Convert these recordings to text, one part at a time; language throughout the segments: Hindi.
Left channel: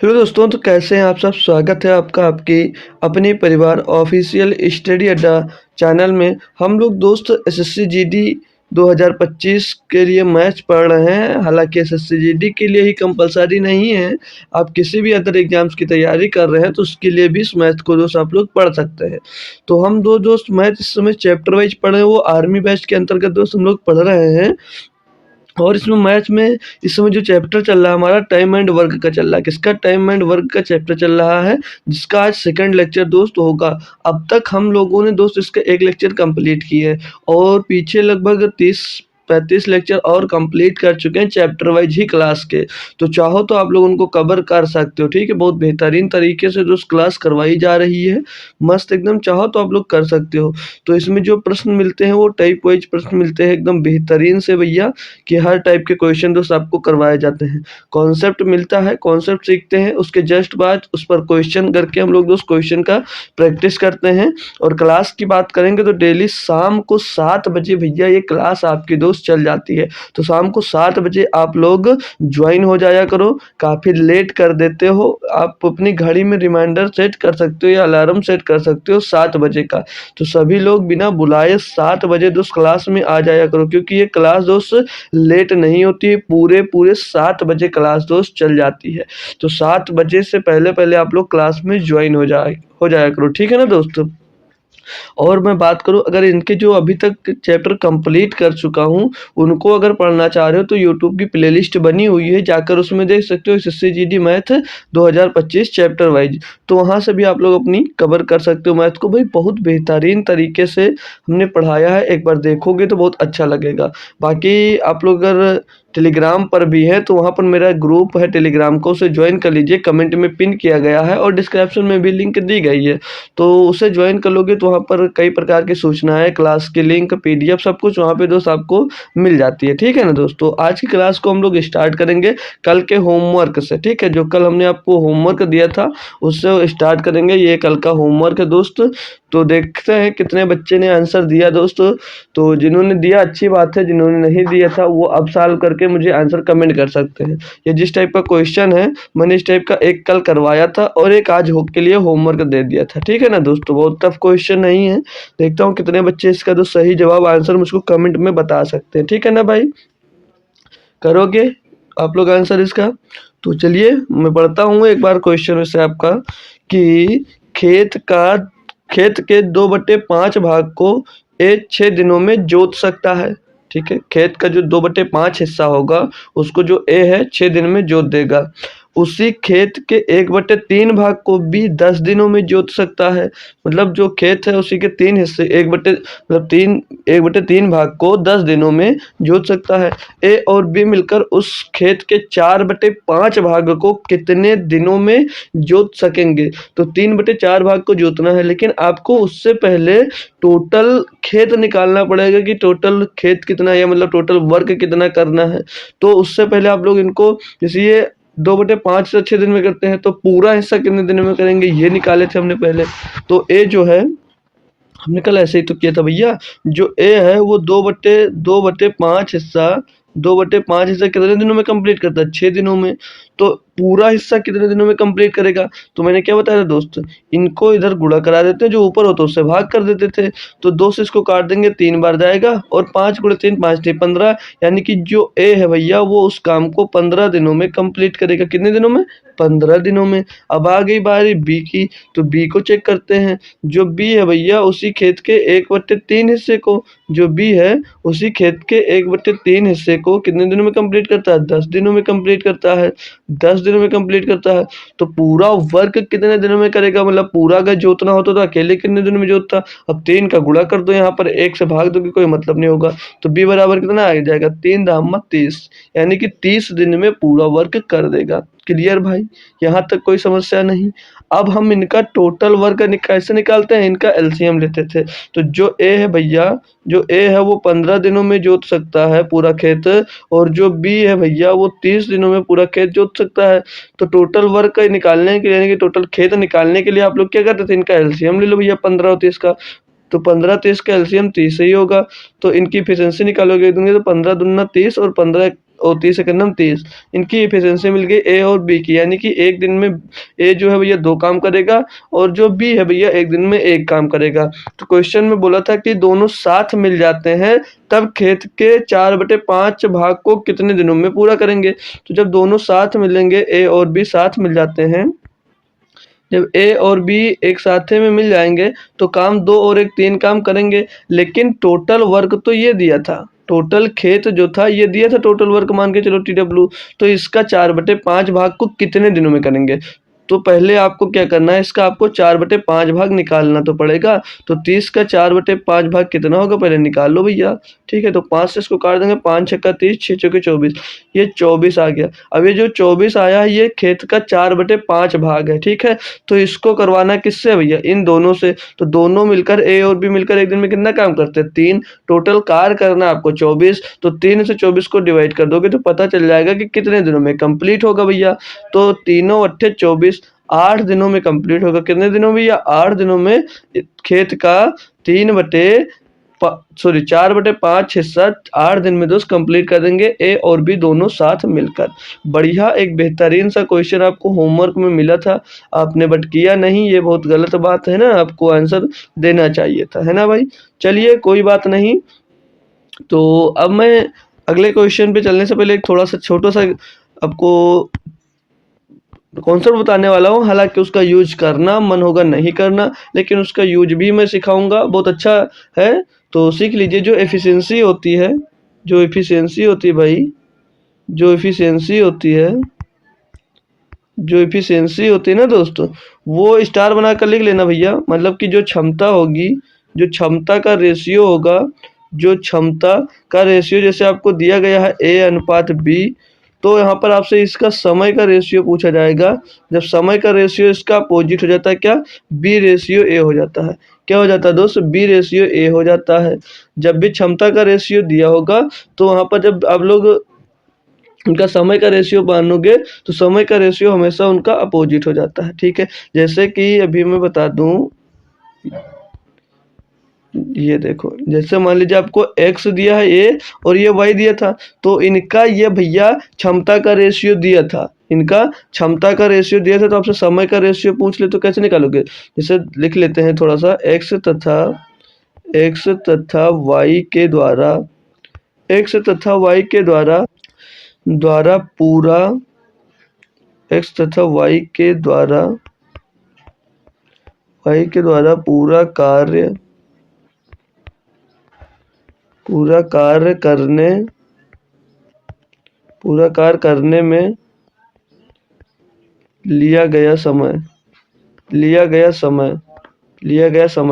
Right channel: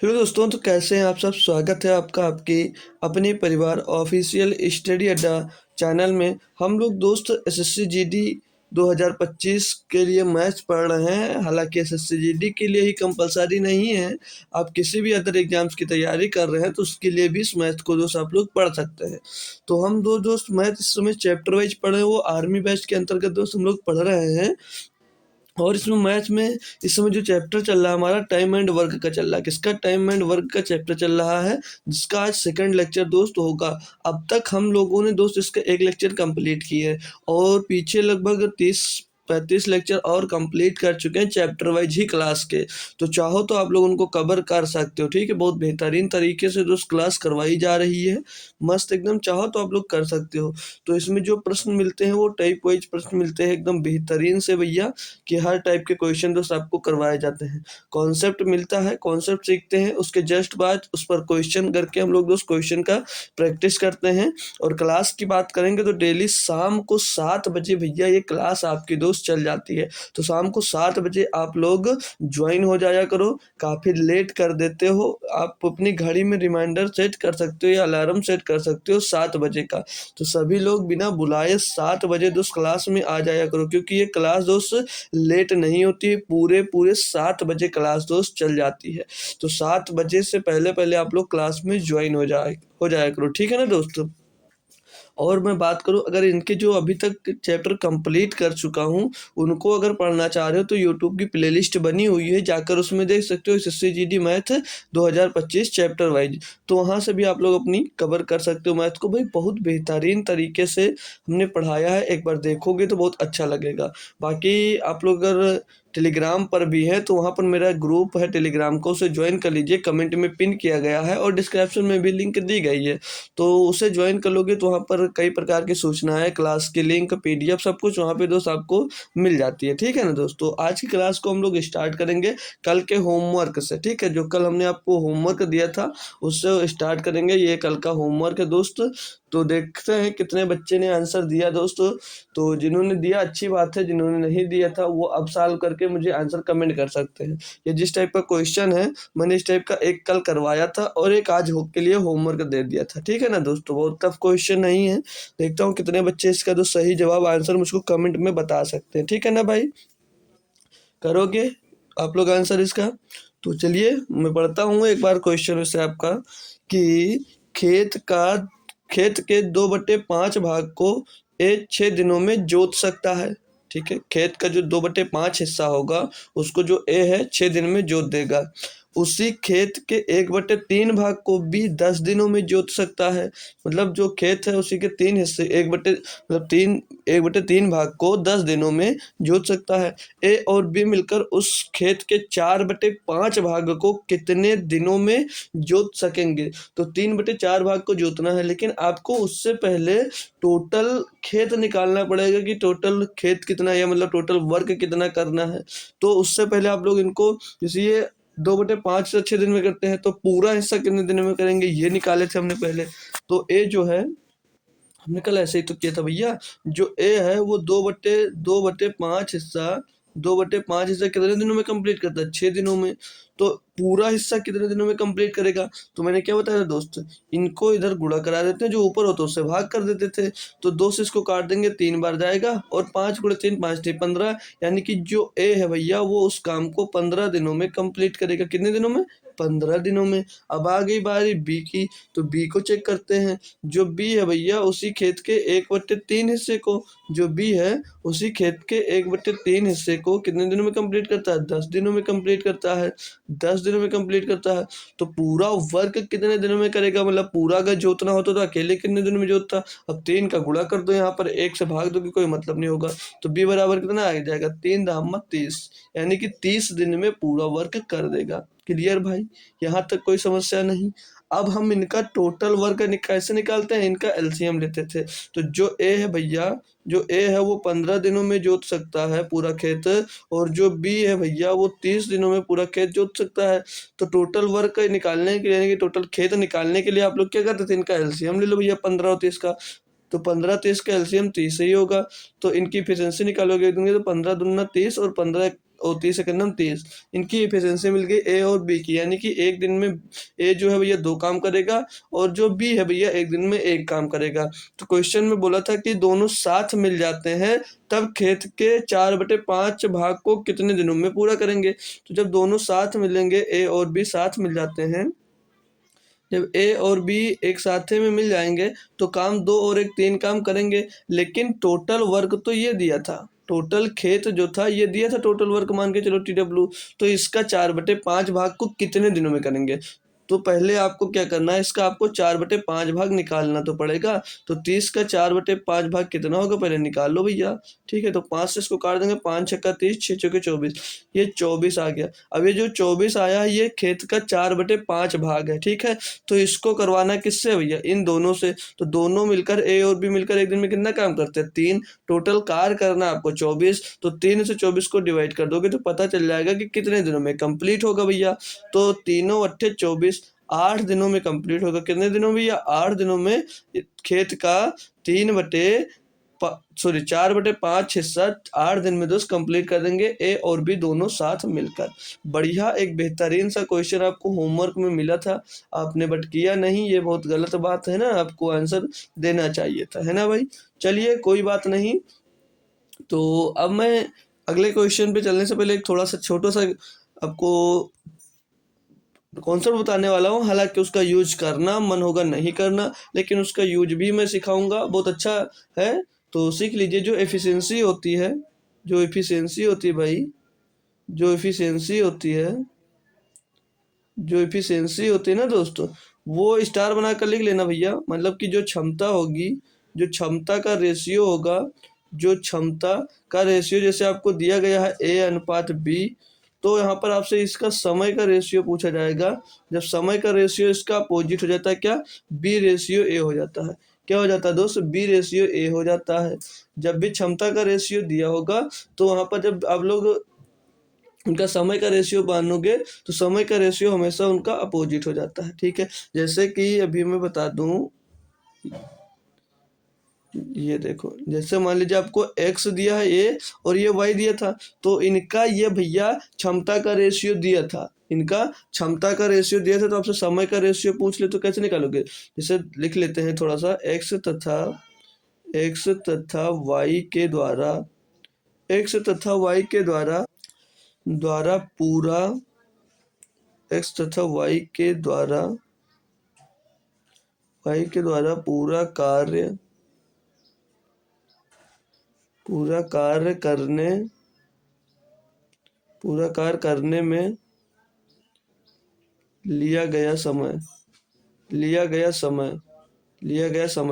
हेलो दोस्तों, तो कैसे हैं आप सब। स्वागत है आपका आपकी अपनी परिवार ऑफिशियल स्टडी अड्डा चैनल में। हम लोग दोस्त एसएससी जीडी 2025 के लिए मैथ्स पढ़ रहे हैं। हालांकि एसएससी जीडी के लिए ही कंपलसरी नहीं है, आप किसी भी अदर एग्जाम्स की तैयारी कर रहे हैं तो उसके लिए भी इस मैथ को दोस्त आप लोग पढ़ सकते हैं। तो हम दो दोस्त मैथ इस समय चैप्टर वाइज पढ़ रहे हैं, वो आर्मी बैच के अंतर्गत दोस्त हम लोग पढ़ रहे हैं। और इसमें मैथ में इस समय जो चैप्टर चल रहा है हमारा टाइम एंड वर्क का चल रहा है। किसका? टाइम एंड वर्क का चैप्टर चल रहा है, जिसका आज सेकंड लेक्चर दोस्त होगा। अब तक हम लोगों ने दोस्त इसका एक लेक्चर कंप्लीट किया है और पीछे लगभग 30-35 लेक्चर और कंप्लीट कर चुके हैं चैप्टर वाइज ही क्लास के। तो चाहो तो आप लोग उनको कवर कर सकते हो, ठीक है। बहुत बेहतरीन तरीके से दोस्त क्लास करवाई जा रही है, मस्त एकदम। चाहो तो आप लोग कर सकते हो। तो इसमें जो प्रश्न मिलते हैं वो टाइप वाइज प्रश्न मिलते हैं एकदम बेहतरीन से भैया, कि हर टाइप के क्वेश्चन दोस्त आपको करवाए जाते हैं। कॉन्सेप्ट मिलता है, कॉन्सेप्ट सीखते हैं, उसके जस्ट बाद उस पर क्वेश्चन करके हम लोग दोस्त क्वेश्चन का प्रैक्टिस करते हैं। और क्लास की बात करेंगे तो डेली शाम को 7 बजे भैया ये क्लास आपकी दोस्त चल जाती है। तो शाम को 7 बजे आप लोग ज्वाइन हो जाया करो। काफ़ी लेट कर देते हो, आप अपनी घड़ी में रिमाइंडर सेट कर सकते हो या अलार्म सेट कर सकते हो 7 बजे का। तो सभी लोग बिना बुलाए 7 बजे दोस्त क्लास में आ जाया करो, क्योंकि ये क्लास दोस्त लेट नहीं होती है। पूरे पूरे 7 बजे क्लास दोस्त चल जाती है। तो 7 बजे से पहले पहले आप लोग क्लास में ज्वाइन हो जाया करो, ठीक है ना दोस्तों। और मैं बात करूँ, अगर इनके जो अभी तक चैप्टर कंप्लीट कर चुका हूँ उनको अगर पढ़ना चाह रहे हो तो यूट्यूब की प्लेलिस्ट बनी हुई है, जाकर उसमें देख सकते हो SSC GD math 2025 chapter wise. तो वहाँ से भी आप लोग अपनी कवर कर सकते हो मैथ को। भाई बहुत बेहतरीन तरीके से हमने पढ़ाया है, एक बार देखोगे तो बहुत अच्छा लगेगा। बाकी आप लोग अगर टेलीग्राम पर भी है तो वहाँ पर मेरा ग्रुप है टेलीग्राम को, उसे ज्वाइन कर लीजिए। कमेंट में पिन किया गया है और डिस्क्रिप्शन में भी लिंक दी गई है। तो उसे ज्वाइन कर लोगे तो वहाँ पर कई प्रकार की सूचनाएं, क्लास की लिंक, पीडीएफ सब कुछ वहाँ पे दोस्त आपको मिल जाती है, ठीक है ना दोस्तों। आज की क्लास को हम लोग स्टार्ट करेंगे कल के होमवर्क से, ठीक है। जो कल हमने आपको होमवर्क दिया था उससे स्टार्ट करेंगे। ये कल का होमवर्क है दोस्त। तो देखते हैं कितने बच्चे ने आंसर दिया दोस्तों। तो जिन्होंने दिया अच्छी बात है, जिन्होंने नहीं दिया था वो अब सॉल्व करके मुझे आंसर कमेंट कर सकते हैं। ये जिस टाइप का क्वेश्चन है मैंने इस टाइप का एक कल करवाया था और एक आज हो के लिए होमवर्क दे दिया था, ठीक है ना दोस्तों। बहुत टफ क्वेश्चन नहीं है। देखता हूँ कितने बच्चे इसका जो सही जवाब आंसर मुझको कमेंट में बता सकते हैं, ठीक है ना भाई। करोगे आप लोग आंसर इसका? तो चलिए मैं पढ़ता हूँ एक बार क्वेश्चन वैसे आपका, कि खेत के 2/5 भाग को ए 6 दिनों में जोत सकता है, ठीक है। खेत का जो 2/5 हिस्सा होगा उसको जो ए है 6 दिन में जोत देगा। उसी खेत के 1/3 भाग को बी 10 दिनों में जोत सकता है। मतलब जो खेत है उसी के 3 हिस्से 1/3 भाग को 10 दिनों में जोत सकता है। ए और बी मिलकर उस खेत के 4/5 भाग को कितने दिनों में जोत सकेंगे? तो 3/4 भाग को जोतना है, लेकिन आपको उससे पहले टोटल खेत निकालना पड़ेगा कि टोटल खेत कितना है, या मतलब टोटल वर्क कितना करना है। तो उससे पहले आप लोग इनको, जैसे ये 2/5 से 6 दिन में करते हैं तो पूरा हिस्सा कितने दिन में करेंगे ये निकाले थे हमने पहले। तो ए जो है हमने कल ऐसे ही तो किया था भैया। जो ए है वो 2/5 हिस्सा 2/5 हिस्सा कितने दिनों में कंप्लीट करता है? 6 दिनों में। तो पूरा हिस्सा कितने दिनों में कंप्लीट करेगा? तो मैंने क्या बताया था दोस्त, इनको इधर गुणा करा देते हैं, जो ऊपर होता है उससे भाग कर देते थे। तो 2 से इसको काट देंगे, 3 बार जाएगा, और 5 गुणे 3 5 3 15। यानी कि जो ए है भैया वो उस काम को 15 दिनों में कंप्लीट करेगा। कितने दिनों में? 15 दिनों में। अब आ गई बारी बी की, तो बी को चेक करते हैं। जो बी है भैया उसी खेत के 1/3 हिस्से को, जो बी है उसी खेत के 1/3 हिस्से को कितने दिनों में कंप्लीट करता है? 10 दिनों में कंप्लीट करता है। 10 दिनों में कंप्लीट करता है। तो पूरा वर्क कितने दिनों में करेगा? मतलब पूरा अगर जोतना होता तो अकेले कितने दिनों में जोतता? अब 3 का गुणा कर दो, यहाँ पर 1 से भाग दो कि कोई मतलब नहीं होगा। तो बी बराबर कितना आ जाएगा? 3 दाम 30, यानी कि 30 दिन में पूरा वर्क कर देगा। क्लियर भाई, यहाँ तक कोई समस्या नहीं। अब हम इनका टोटल वर्क कैसे निकालते हैं? इनका एलसीएम लेते थे। तो जो ए है भैया, जो ए है वो 15 दिनों में जोत सकता है पूरा खेत, और जो बी है भैया वो 30 दिनों में पूरा खेत जोत सकता है। तो टोटल वर्क निकालने के लिए, यानी कि टोटल खेत निकालने के लिए आप लोग क्या करते थे? इनका एलसीएम ले लो भैया 15 और 30 का। तो 15 30 का एलसीएम 30 ही होगा। तो इनकी एफिशिएंसी निकालोगे तो 15 दूना 30 और 15 और 30 सेकंड में 30। इनकी एफिशिएंसी मिल गई ए और बी की, यानी कि एक दिन में ए जो है भैया 2 काम करेगा और जो बी है भैया एक दिन में 1 काम करेगा। तो क्वेश्चन में बोला था कि दोनों साथ मिल जाते हैं तब खेत के 4/5 भाग को कितने दिनों में पूरा करेंगे। तो जब दोनों साथ मिलेंगे, ए और बी साथ मिल जाते हैं, जब ए और बी एक साथे में मिल जाएंगे तो काम 2 और 1 3 काम करेंगे। लेकिन टोटल वर्क तो ये दिया था, टोटल खेत जो था ये दिया था, टोटल वर्क मान के चलो TW। तो इसका 4/5 भाग को कितने दिनों में करेंगे। तो पहले आपको क्या करना है, इसका आपको 4/5 भाग निकालना तो पड़ेगा। तो 30 का 4/5 भाग कितना होगा पहले निकाल लो भैया। ठीक है, तो 5 से इसको काट देंगे, 5 छक्का 30, 6 चौके 24, ये 24 आ गया। अब ये जो 24 आया है ये खेत का 4/5 भाग है। ठीक है, तो इसको करवाना किससे भैया, इन दोनों से। तो दोनों मिलकर ए और बी मिलकर एक दिन में कितना काम करते हैं, 3। टोटल कार्य करना है आपको 24, तो 3 से 24 को डिवाइड कर दोगे तो पता चल जाएगा कि कितने दिनों में कंप्लीट होगा भैया। तो तीनों अट्ठे 24, 8 दिनों में कंप्लीट होगा। कितने दिनों में भैया, 8 दिनों में खेत का 4/5 हिस्सा 8 दिन में दोस्त कंप्लीट कर देंगे, ए और बी दोनों साथ मिलकर। बढ़िया, एक बेहतरीन सा क्वेश्चन आपको होमवर्क में मिला था, आपने बट किया नहीं, ये बहुत गलत बात है ना, आपको आंसर देना चाहिए था, है ना भाई। चलिए कोई बात नहीं। तो अब मैं अगले क्वेश्चन पे चलने से पहले एक थोड़ा सा छोटा सा आपको कॉन्सेप्ट बताने वाला हूँ। हालांकि उसका यूज करना मन होगा नहीं करना, लेकिन उसका यूज भी मैं सिखाऊंगा, बहुत अच्छा है, तो सीख लीजिए। जो एफिशिएंसी होती है, जो एफिशिएंसी होती है भाई, जो एफिशिएंसी होती है, जो एफिशिएंसी होती है ना दोस्तों, वो स्टार बना कर लिख लेना भैया। मतलब कि जो क्षमता होगी, जो क्षमता का रेशियो होगा, जो क्षमता का रेशियो जैसे आपको दिया गया है A/B, तो यहाँ पर आपसे इसका समय का रेशियो पूछा जाएगा। जब समय का रेशियो इसका अपोजिट हो जाता है क्या, B/A हो जाता है। क्या हो जाता है दोस्त, B/A हो जाता है। जब भी क्षमता का रेशियो दिया होगा तो वहाँ पर जब आप लोग उनका समय का रेशियो मानोगे तो समय का रेशियो हमेशा उनका अपोजिट हो जाता है। ठीक है, जैसे कि अभी मैं बता दूं, ये देखो, जैसे मान लीजिए आपको x दिया है ए और ये y दिया था, तो इनका ये भैया क्षमता का रेशियो दिया था, इनका क्षमता का रेशियो दिया था, तो आपसे समय का रेशियो पूछ ले तो कैसे निकालोगे। जैसे लिख लेते हैं थोड़ा सा, x तथा y के द्वारा, x तथा y के द्वारा पूरा, x तथा y के द्वारा पूरा कार्य करने में लिया गया समय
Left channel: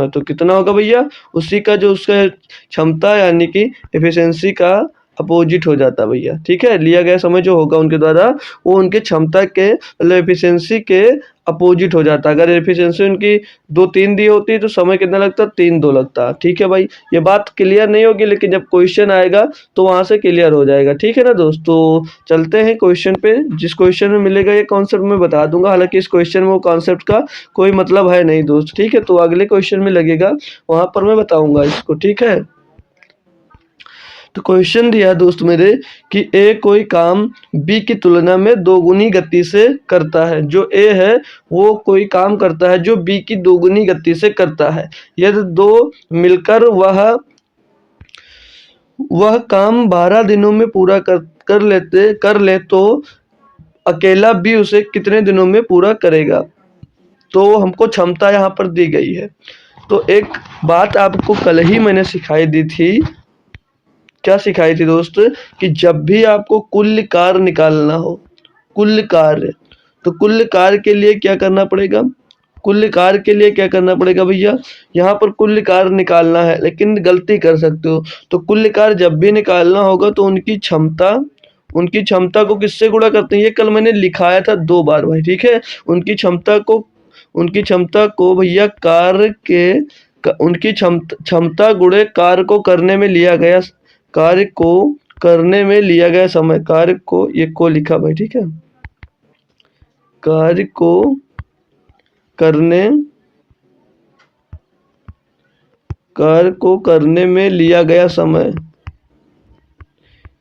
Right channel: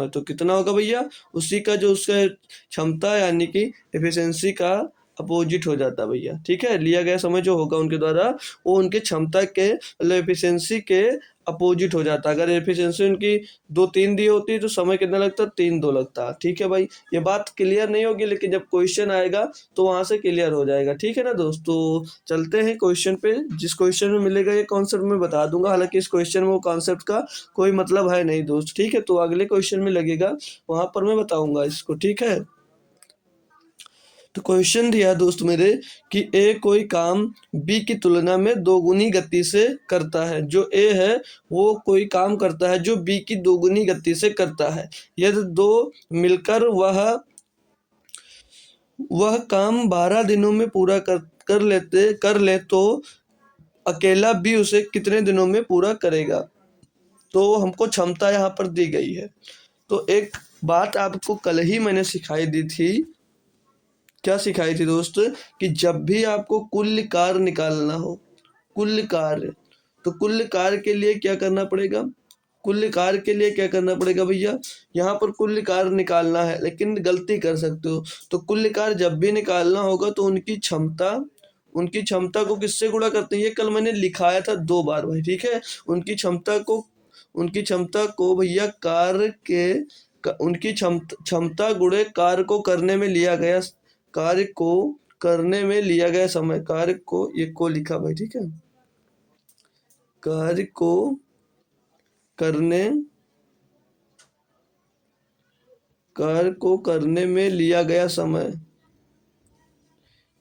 तो कितना होगा भैया, उसी का जो उसका क्षमता यानी कि एफिशिएंसी का अपोजिट हो जाता है भैया। ठीक है, लिया गया समय जो होगा उनके द्वारा, वो उनके क्षमता के मतलब एफिशिएंसी के अपोजिट हो जाता है। अगर एफिशिएंसी उनकी 2-3 दी होती है तो समय कितना लगता, 3-2 लगता। ठीक है भाई, ये बात क्लियर नहीं होगी, लेकिन जब क्वेश्चन आएगा तो वहां से क्लियर हो जाएगा। ठीक है ना दोस्त, तो चलते हैं क्वेश्चन पे। जिस क्वेश्चन में मिलेगा ये कॉन्सेप्ट मैं बता दूंगा, हालांकि इस क्वेश्चन में वो कॉन्सेप्ट का कोई मतलब है नहीं दोस्त। ठीक है, तो अगले क्वेश्चन में लगेगा, वहां पर मैं बताऊंगा इसको। ठीक है, तो क्वेश्चन दिया दोस्त मेरे कि ए कोई काम बी की तुलना में 2 गुनी गति से करता है। जो ए है वो कोई काम करता है जो बी की 2 गुनी गति से करता है। यदि दो मिलकर वह काम 12 दिनों में पूरा कर ले तो अकेला बी उसे कितने दिनों में पूरा करेगा। तो हमको क्षमता यहाँ पर दी गई है। तो एक बात आपको कल ही मैंने सिखाई दी थी, क्या सिखाई थी दोस्त, कि जब भी आपको कुल कार्य निकालना हो, कुल कार्य, तो कुल कार्य के लिए क्या करना पड़ेगा, कुल कार्य के लिए क्या करना पड़ेगा भैया, यहाँ पर कुल कार्य निकालना है, लेकिन गलती कर सकते हो। तो कुल कार्य जब भी निकालना होगा तो उनकी क्षमता को किससे गुणा करते हैं, ये कल मैंने लिखाया था 2 बार भाई। ठीक है, उनकी क्षमता को भैया उनकी क्षमता गुणे कार्य को करने में लिया गया समय, कार्य को, ये को लिखा भाई। ठीक है, कार्य को करने में लिया गया समय,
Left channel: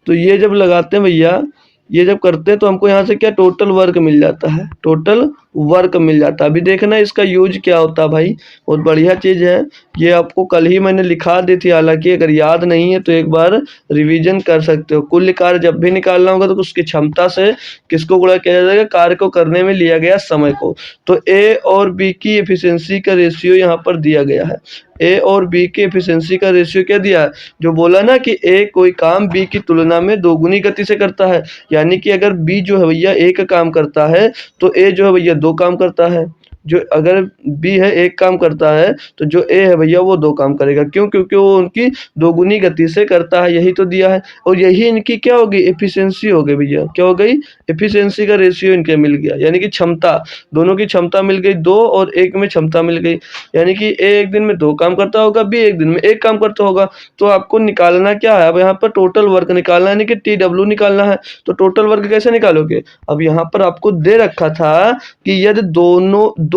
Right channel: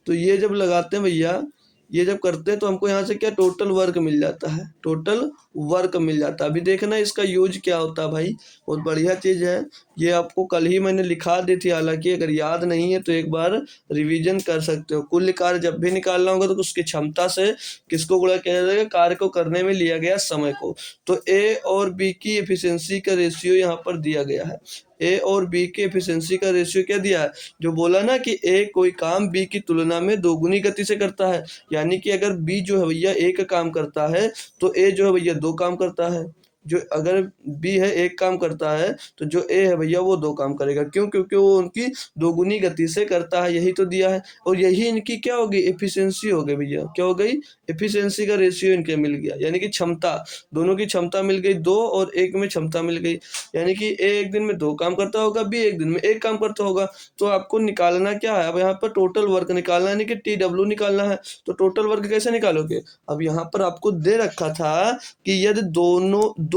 तो ये जब लगाते हैं भैया, ये जब करते हैं तो हमको यहाँ से क्या टोटल वर्क मिल जाता है, टोटल वर्क मिल जाता है। अभी देखना इसका यूज क्या होता है भाई, बहुत बढ़िया चीज़ है। ये आपको कल ही मैंने लिखा दी थी, हालांकि अगर याद नहीं है तो एक बार रिवीजन कर सकते हो। कुल कार्य जब भी निकालना होगा तो उसकी क्षमता से किसको गुणा किया जाएगा, कार्य को करने में लिया गया समय को। तो ए और बी की एफिशिएंसी का रेशियो यहाँ पर दिया गया है। ए और बी की एफिशिएंसी का रेशियो क्या दिया है, जो बोला ना कि ए कोई काम बी की तुलना में दोगुनी गति से करता है, यानी कि अगर बी जो है भैया एक काम करता है तो ए जो है भैया दो काम करता है। जो अगर बी है एक काम करता है तो जो ए है भैया वो दो काम करेगा। क्यों? क्योंकि वो उनकी दोगुनी गति से करता है, यही तो दिया है। और यही इनकी क्या होगी, एफिशिएंसी हो गई भैया। क्या हो गई, एफिशिएंसी का रेशियो इनके मिल गया, यानी कि क्षमता, दोनों की क्षमता मिल गई, दो और एक में क्षमता मिल गई। यानी कि ए एक दिन में दो काम करता होगा, बी एक दिन में एक काम करता होगा। तो आपको निकालना क्या है, अब यहाँ पर टोटल वर्क निकालना है, यानी कि TW निकालना है। तो टोटल वर्क कैसे निकालोगे, अब यहाँ पर आपको दे रखा था कि यदि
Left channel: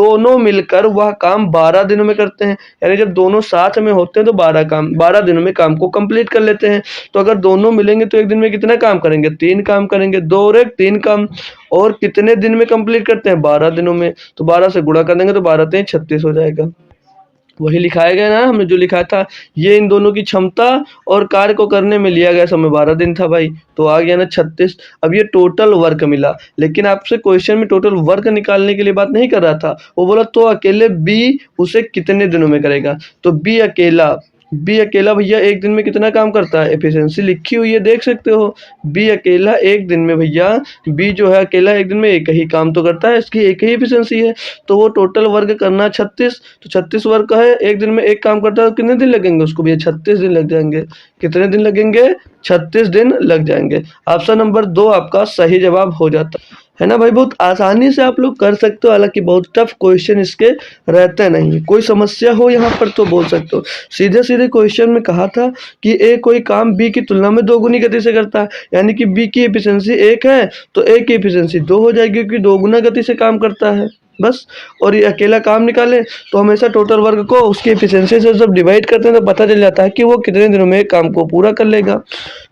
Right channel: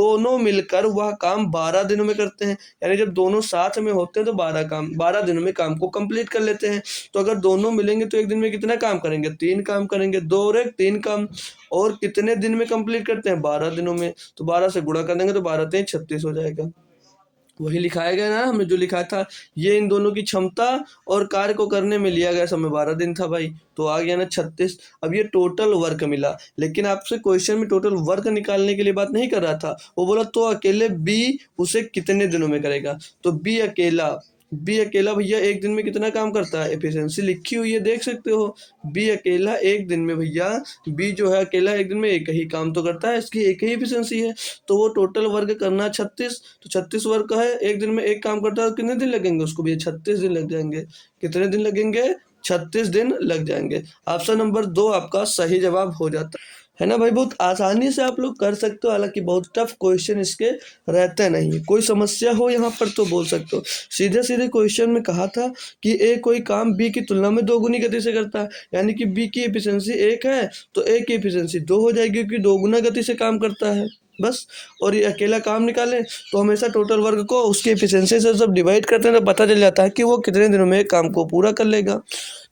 दोनों मिलकर वह काम 12 दिनों में करते हैं, यानी जब दोनों साथ में होते हैं तो 12 दिनों में काम को कंप्लीट कर लेते हैं। तो अगर दोनों मिलेंगे तो एक दिन में कितना काम करेंगे, 3 काम करेंगे, 2 और 1 3 काम। और कितने दिन में कंप्लीट करते हैं, 12 दिनों में। तो 12 से गुणा कर देंगे तो 12 3 36 हो जाएगा। वही लिखाया गया ना, हमने जो लिखा था। ये इन दोनों की क्षमता और कार्य को करने में लिया गया समय 12 दिन था भाई, तो आ गया ना 36। अब ये टोटल वर्क मिला, लेकिन आपसे क्वेश्चन में टोटल वर्क निकालने के लिए बात नहीं कर रहा था। वो बोला तो अकेले बी उसे कितने दिनों में करेगा। तो बी अकेला भैया एक दिन में कितना काम करता है, एफिशिएंसी लिखी हुई है, देख सकते हो। बी अकेला एक दिन में भैया, बी जो है अकेला एक दिन में एक ही काम तो करता है, इसकी एक ही एफिशिएंसी है। तो वो टोटल वर्क करना 36, तो 36 वर्क है, एक दिन में एक काम करता है, तो कितने दिन लगेंगे उसको भैया, 36 दिन लग जाएंगे। कितने दिन लगेंगे, 36 दिन लग जाएंगे। ऑप्शन नंबर 2 आपका सही जवाब हो जाता है ना भाई। बहुत आसानी से आप लोग कर सकते हो, हालांकि बहुत टफ क्वेश्चन इसके रहते नहीं। कोई समस्या हो यहाँ पर तो बोल सकते हो। सीधे सीधे क्वेश्चन में कहा था कि ए कोई काम बी की तुलना में दोगुनी गति से करता है, यानी कि बी की एफिशिएंसी 1 है तो ए की एफिशिएंसी 2 हो जाएगी, क्योंकि दोगुना गति से काम करता है बस। और ये अकेला काम निकाले तो हमेशा टोटल वर्क को उसकी एफिशिएंसी से जब डिवाइड करते हैं तो पता चल जाता है कि वो कितने दिनों में काम को पूरा कर लेगा।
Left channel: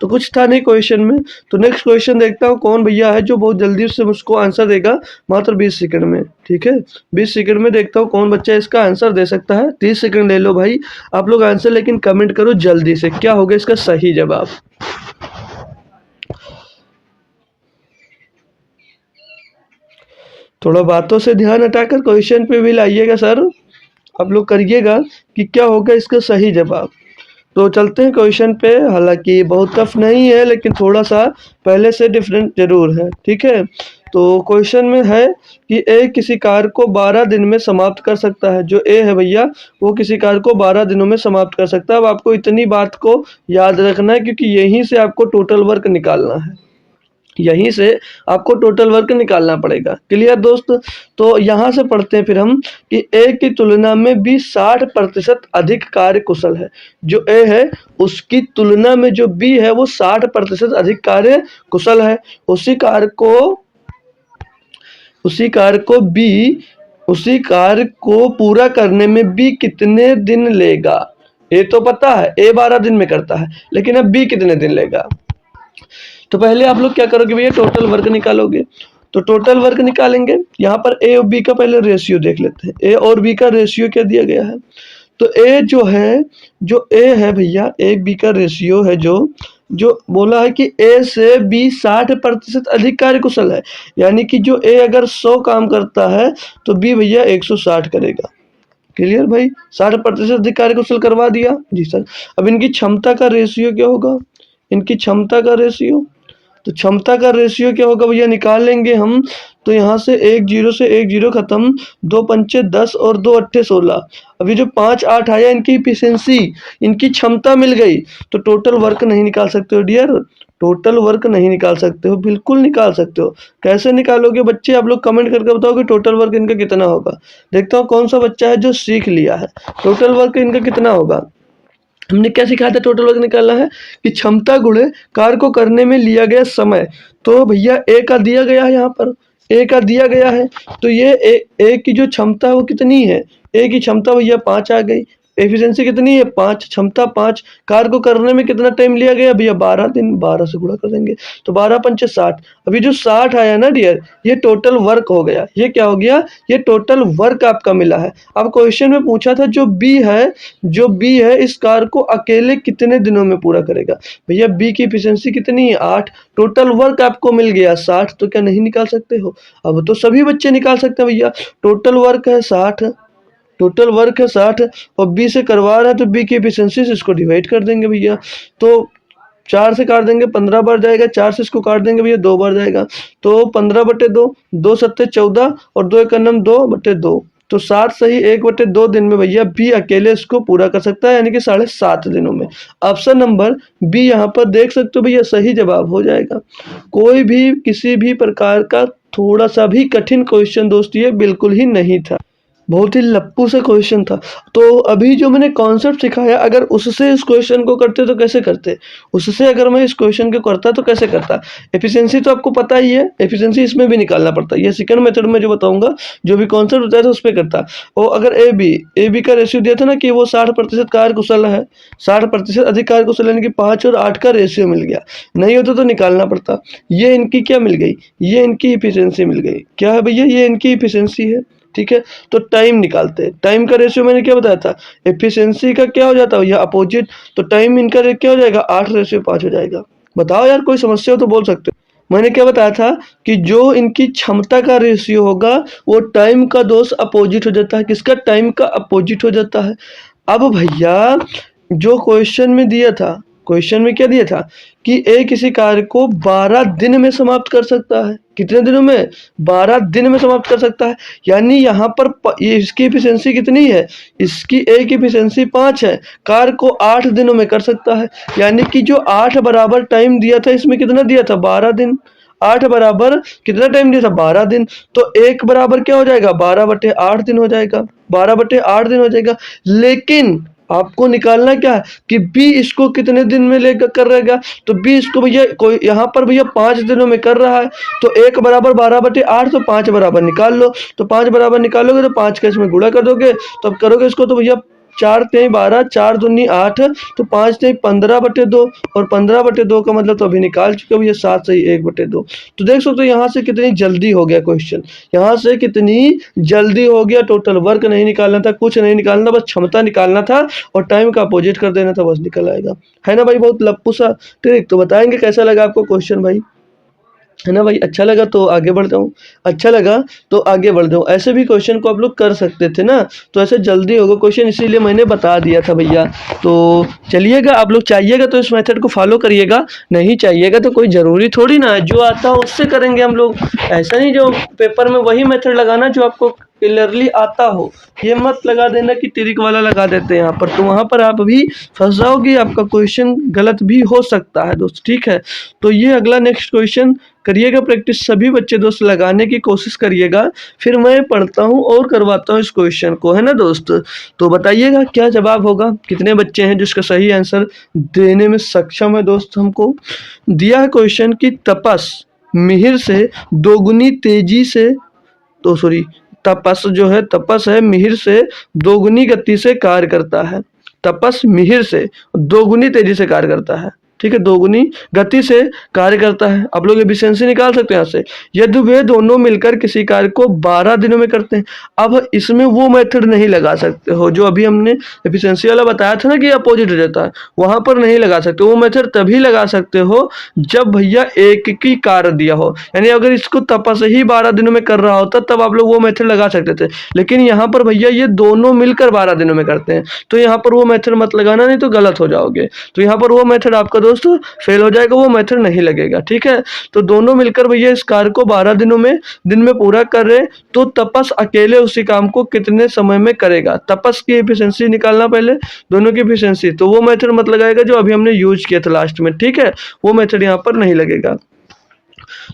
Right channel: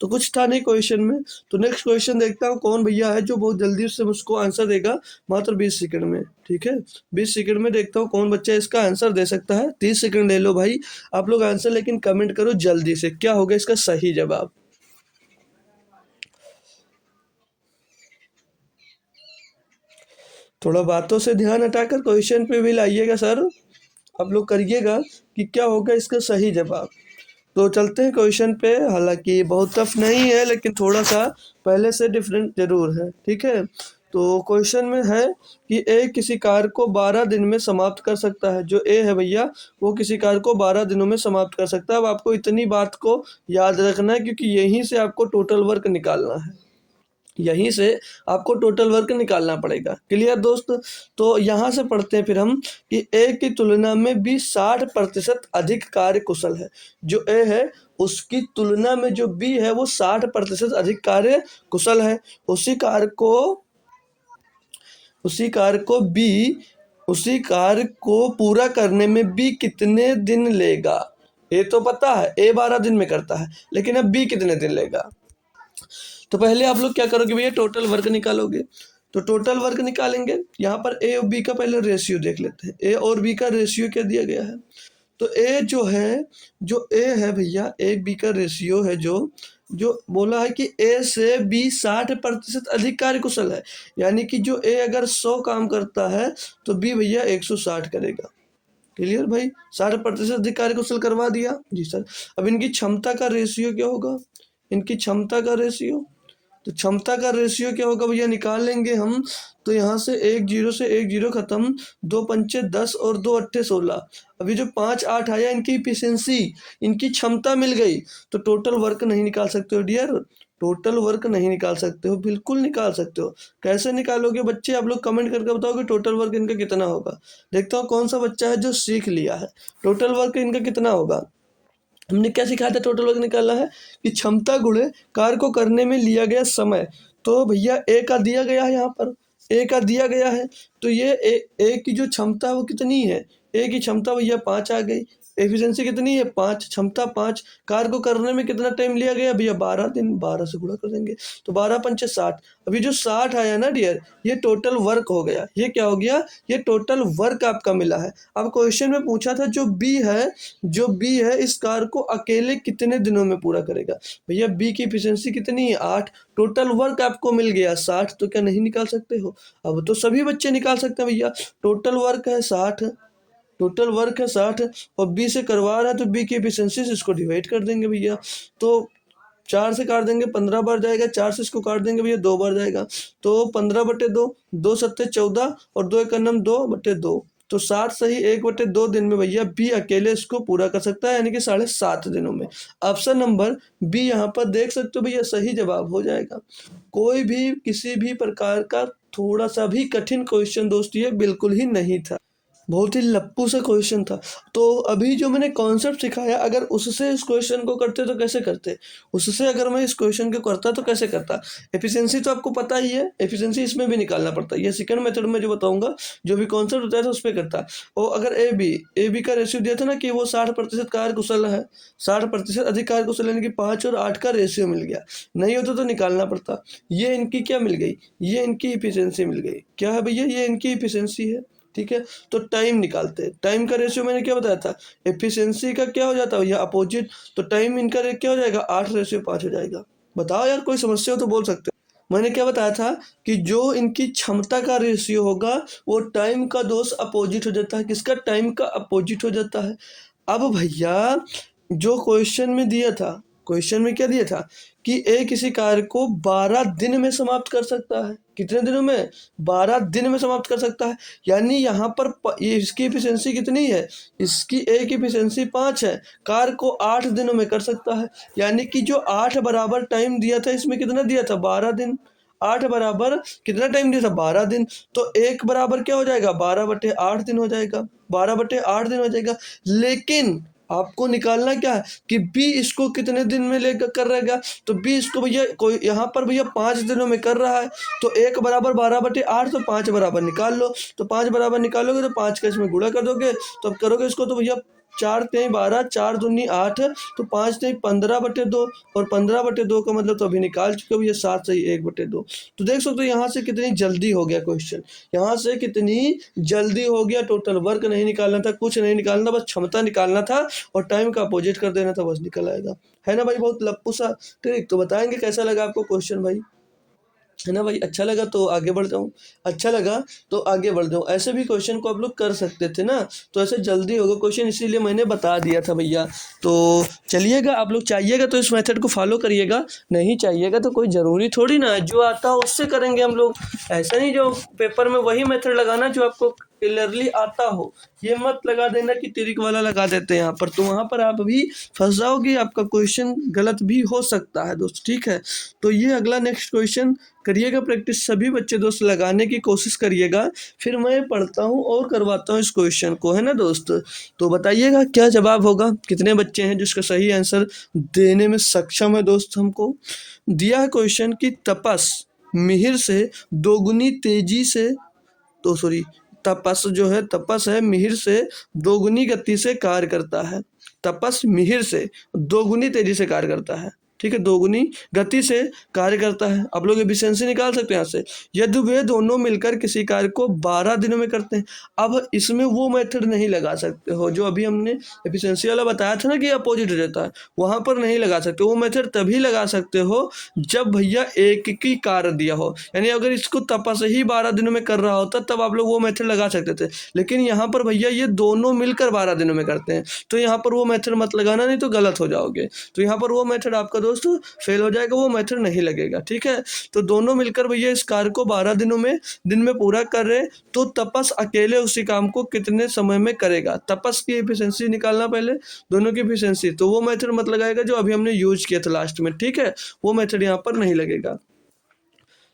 तो कुछ था नहीं क्वेश्चन में। तो नेक्स्ट क्वेश्चन देखता हूँ कौन भैया है जो बहुत जल्दी से मुझको आंसर देगा, मात्र 20 सेकंड में। ठीक है, 20 सेकंड में देखता हूँ कौन बच्चा इसका आंसर दे सकता है। 30 सेकंड ले लो भाई आप लोग आंसर, लेकिन कमेंट करो जल्दी से क्या होगा इसका सही जवाब। थोड़ा बातों से ध्यान हटाकर क्वेश्चन पे भी लाइएगा सर, आप लोग करिएगा कि क्या होगा इसका सही जवाब। तो चलते हैं क्वेश्चन पे, हालांकि बहुत टफ नहीं है लेकिन थोड़ा सा पहले से डिफरेंट जरूर है। ठीक है, तो क्वेश्चन में है कि ए किसी कार्य को 12 दिन में समाप्त कर सकता है। जो ए है भैया वो किसी कार्य को 12 दिनों में समाप्त कर सकता है। अब आपको इतनी बात को याद रखना है, क्योंकि यहीं से आपको टोटल वर्क निकालना है, यहीं से आपको टोटल वर्क निकालना पड़ेगा। क्लियर दोस्त? तो यहाँ से पढ़ते हैं फिर हम कि ए की तुलना में बी 60% अधिक कार्य कुशल है। जो ए है उसकी तुलना में जो बी है वो 60% अधिक कार्य कुशल है। उसी कार्य को पूरा करने में बी कितने दिन लेगा। ए तो पता है ए 12 दिन में करता है, लेकिन अब बी कितने दिन लेगा। तो पहले आप लोग क्या करोगे भैया, टोटल वर्क निकालोगे। तो टोटल वर्क निकालेंगे, यहाँ पर ए और बी का पहले रेशियो देख लेते हैं। ए और बी का रेशियो क्या दिया गया है, तो ए जो ए है भैया, ए बी का रेशियो है, जो बोला है कि ए से बी 60% अधिक कार्यकुशल है। यानी कि जो ए अगर 100 काम करता है तो बी भैया 160 करेगा। क्लियर भाई, 60% अधिक कार्यकुशल करवा दिया जी सर। अब इनकी क्षमता का रेशियो क्या होगा, इनकी क्षमता का रेशियो, तो क्षमता का रेशियो क्या होगा भैया, निकाल लेंगे हम। तो यहाँ से 1 0 से 1 0 खत्म, 2 पंचे 10 और 2 अट्ठे 16। अभी जो 5 8 आया इनकी इफिशिएंसी, इनकी क्षमता मिल गई। तो टोटल वर्क नहीं निकाल सकते हो डियर, टोटल वर्क नहीं निकाल सकते हो, बिल्कुल निकाल सकते हो। कैसे निकालोगे बच्चे, आप लोग कमेंट करके बताओ कि टोटल वर्क इनका कितना होगा। देखता हूँ कौन सा बच्चा है जो सीख लिया है, टोटल वर्क इनका कितना होगा। हमने क्या सिखाया था, टोटल वर्क निकालना है कि क्षमता गुणे कार्य को करने में लिया गया समय। तो भैया ए का दिया गया है, यहाँ पर ए का दिया गया है। तो ये ए की जो क्षमता है वो कितनी है, ए की क्षमता भैया 5 आ गई। एफिशिएंसी कितनी है 5, क्षमता 5, कार्य को करने में कितना टाइम लिया गया भैया 12 दिन, 12 से गुणा कर देंगे तो 12 पंचे 60। अभी जो 60 आया ना डियर, ये टोटल वर्क हो गया। ये क्या हो गया, ये टोटल वर्क आपका मिला है। अब क्वेश्चन में पूछा था जो बी है इस कार्य को अकेले कितने दिनों में पूरा करेगा। भैया बी की एफिशिएंसी कितनी है 8, टोटल वर्क आपको मिल गया 60, तो क्या नहीं निकाल सकते हो। अब तो सभी बच्चे निकाल सकते हैं भैया, टोटल वर्क है 60, टोटल वर्क है 60 और बी से करवा रहा है तो बी की एफिशिएंसी से इसको डिवाइड कर देंगे भैया। तो 4 से काट देंगे 15 बार जाएगा, 4 से इसको काट देंगे भैया 2 बार जाएगा, तो 15/2, 2 सत्ते 14 और 2 एक अन्नम 2/2, तो 60 सही 1/2 दिन में भैया बी अकेले इसको पूरा कर सकता है, यानी कि 7.5 दिनों में। ऑप्शन नंबर बी यहाँ पर देख सकते हो भैया सही जवाब हो जाएगा। कोई भी किसी भी प्रकार का थोड़ा सा भी कठिन क्वेश्चन दोस्त ये बिल्कुल ही नहीं था, बहुत ही लप्पू सा क्वेश्चन था। तो अभी जो मैंने कॉन्सेप्ट सिखाया अगर उससे इस क्वेश्चन को करते तो कैसे करते, उससे अगर मैं इस क्वेश्चन को करता तो कैसे करता। एफिशिएंसी तो आपको पता ही है, एफिशिएंसी इसमें भी निकालना पड़ता है। ये सेकंड मेथड में जो बताऊंगा, जो भी कॉन्सेप्ट बताया था उस पर करता। और अगर ए बी का रेशियो दिया था ना कि वो 60% कार्यकुशल है, 60% अधिक कार्यकुशल, यानी कि 5 और 8 का रेशियो मिल गया, नहीं होता तो निकालना पड़ता। ये इनकी क्या मिल गई, ये इनकी इफिशियंसी मिल गई। क्या है भैया, ये इनकी इफिशियंसी है, ठीक है। तो टाइम निकालते हैं, टाइम का रेशियो मैंने क्या बताया था, एफिशिएंसी का क्या हो जाता है भैया अपोजिट, तो टाइम इनका क्या हो जाएगा 8/5 हो जाएगा। बताओ यार कोई समस्या हो तो बोल सकते हो। मैंने क्या बताया था कि जो इनकी क्षमता का रेशियो होगा वो टाइम का दोस्त अपोजिट हो जाता है, किसका, टाइम का अपोजिट हो जाता है। अब भैया जो क्वेश्चन में दिया था, क्वेश्चन में क्या दिया था कि ए किसी कार्य को 12 दिन में समाप्त कर सकता है। कितने दिनों में, 12 दिन में समाप्त कर सकता है। यानी यहाँ पर ये इसकी एफिशिएंसी कितनी है, इसकी ए की एफिशिएंसी 5 है, कार्य को 8 दिनों में कर सकता है। यानी कि जो 8 बराबर टाइम दिया था इसमें कितना दिया था 12 दिन, 8 बराबर कितना टाइम दिया था 12 दिन, तो 1 बराबर क्या हो जाएगा 12/8 दिन हो जाएगा, 12/8 दिन हो जाएगा। लेकिन आपको निकालना क्या है कि बी इसको कितने दिन में लेकर कर रहेगा, तो बी इसको भैया कोई यहाँ पर भैया 5 दिनों में कर रहा है, तो 1 बराबर 12/8, तो 5 बराबर निकाल लो, तो 5 बराबर निकालोगे तो 5 का इसमें गुणा कर दोगे, तो अब करोगे इसको तो भैया 4 तेई 12, 4 दूनी 8, तो 5 तेई 15/2 और 15/2 का मतलब तो अभी निकाल चुके हो भैया 7 सही 1/2। तो देख सकते हो यहाँ से कितनी जल्दी हो गया क्वेश्चन, यहाँ से कितनी जल्दी हो गया। टोटल वर्क नहीं निकालना था, कुछ नहीं निकालना, बस क्षमता निकालना था और टाइम का अपोजिट कर देना था, बस निकल आएगा। है ना भाई, बहुत लप्पू सा ट्रिक। तो बताएंगे कैसा लगा आपको क्वेश्चन भाई, है ना भाई। अच्छा लगा तो आगे बढ़ जाऊँ, अच्छा लगा तो आगे बढ़ जाऊँ। ऐसे भी क्वेश्चन को आप लोग कर सकते थे ना, तो ऐसे जल्दी होगा क्वेश्चन, इसीलिए मैंने बता दिया था भैया। तो चलिएगा, आप लोग चाहिएगा तो इस मेथड को फॉलो करिएगा, नहीं चाहिएगा तो कोई ज़रूरी थोड़ी ना है, जो आता हो उससे करेंगे हम लोग। ऐसा नहीं जो पेपर में वही मेथड लगाना जो आपको क्लियरली आता हो, ये मत लगा देना कि ट्रिक वाला लगा देते हैं यहाँ पर, तो वहाँ पर आप भी फंस जाओगे, आपका क्वेश्चन गलत भी हो सकता है दोस्त, ठीक है। तो ये अगला नेक्स्ट क्वेश्चन करिएगा प्रैक्टिस, सभी बच्चे दोस्त लगाने की कोशिश करिएगा, फिर मैं पढ़ता हूँ और करवाता हूँ इस क्वेश्चन को, है ना दोस्त। तो बताइएगा क्या जवाब होगा, कितने बच्चे हैं जिसका सही आंसर देने में सक्षम है दोस्त। हमको दिया है क्वेश्चन की तपस मिहिर से दोगुनी तेजी से, तो सॉरी तपस है मिहिर से दोगुनी गति से कार्य करता है, तपस मिहिर से दोगुनी तेजी से कार्य करता है, ठीक है, दोगुनी गति से कार्य करता है। आप लोग एफिशिएंसी निकाल सकते हैं यहाँ से, यदि वे दोनों मिलकर किसी कार्य को 12 दिनों में करते हैं। अब इसमें वो मेथड नहीं लगा सकते हो जो अभी हमने एफिशिएंसी वाला बताया था ना कि अपोजिट हो जाता है, वहां पर नहीं लगा सकते। वो मेथड तभी लगा सकते हो जब भैया एक की कार्य दिया हो, यानी अगर इसको तपस ही 12 दिनों में कर रहा होता तब आप लोग वो मेथड लगा सकते थे, लेकिन यहाँ पर भैया ये दोनों मिलकर 12 दिनों में करते हैं, तो यहाँ पर वो मेथड मत लगाना, नहीं तो गलत हो जाओगे। तो यहाँ पर वो मेथड आपका दोस्तों फेल हो जाएगा, वो मेथड नहीं लगेगा, ठीक है। तो दोनों मिलकर भैया इस कार्य को 12 दिन में पूरा कर रहे, तो तपस अकेले उसी काम को कितने समय में करेगा। तपस की एफिशिएंसी निकालना पहले, दोनों की एफिशिएंसी, तो वो मेथड मत लगाएगा जो अभी हमने यूज किया था लास्ट में, ठीक है, वो मेथड यहाँ पर नहीं लगेगा।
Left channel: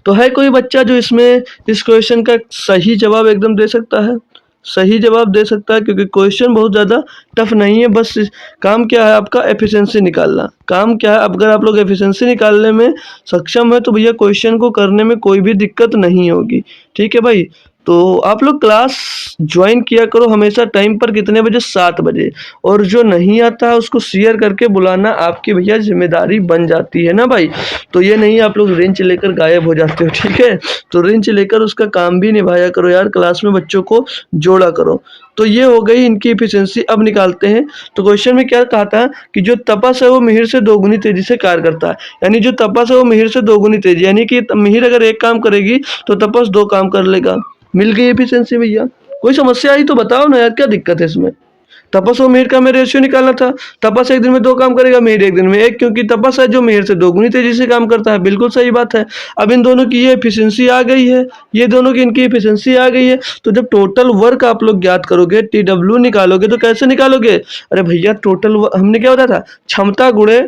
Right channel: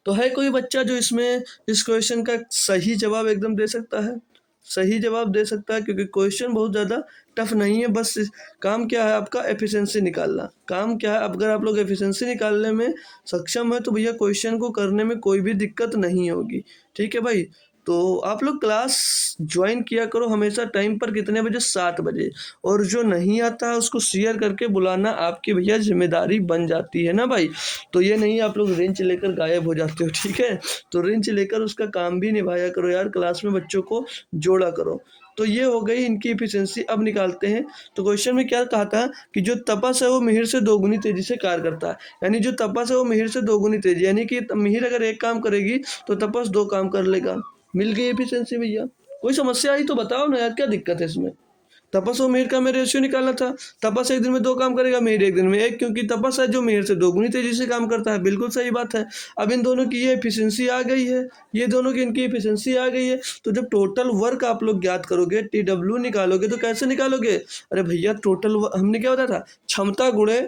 तो है कोई बच्चा जो इसमें इस क्वेश्चन का सही जवाब एकदम दे सकता है, सही जवाब दे सकता है, क्योंकि क्वेश्चन बहुत ज़्यादा टफ नहीं है, बस काम क्या है आपका एफिशिएंसी निकालना, काम क्या है। अगर आप लोग एफिशिएंसी निकालने में सक्षम है तो भैया क्वेश्चन को करने में कोई भी दिक्कत नहीं होगी, ठीक है भाई। तो आप लोग क्लास ज्वाइन किया करो हमेशा टाइम पर। कितने बजे? 7 बजे। और जो नहीं आता है उसको शेयर करके बुलाना आपकी भैया जिम्मेदारी बन जाती है ना भाई। तो ये नहीं आप लोग रिंच लेकर गायब हो जाते हो, ठीक है। तो रिंच लेकर उसका काम भी निभाया करो यार, क्लास में बच्चों को जोड़ा करो। तो ये हो गई इनकी एफिशिएंसी। अब निकालते हैं। तो क्वेश्चन में क्या कहा था कि जो तपस है वो मिहिर से दोगुनी तेजी से कार्य करता है। यानी जो तपस है वो मिहिर से दोगुनी तेजी, यानी कि मिहिर अगर एक काम करेगी तो तपस 2 काम कर लेगा। मिल गई एफिशिएंसी भैया। कोई समस्या आई तो बताओ ना यार, क्या दिक्कत है इसमें। तपस और मिहिर का हमें रेशियो निकालना था। तपस एक दिन में 2 काम करेगा, मिहिर एक दिन में 1, क्योंकि तपस है जो मिहिर से दोगुनी तेजी से काम करता है। बिल्कुल सही बात है। अब इन दोनों की ये एफिशिएंसी आ गई है, ये दोनों की इनकी एफिशिएंसी आ गई है। तो जब टोटल वर्क आप लोग ज्ञात करोगे, TW निकालोगे, तो कैसे निकालोगे? अरे भैया टोटल हमने क्या बताया था, क्षमता गुणे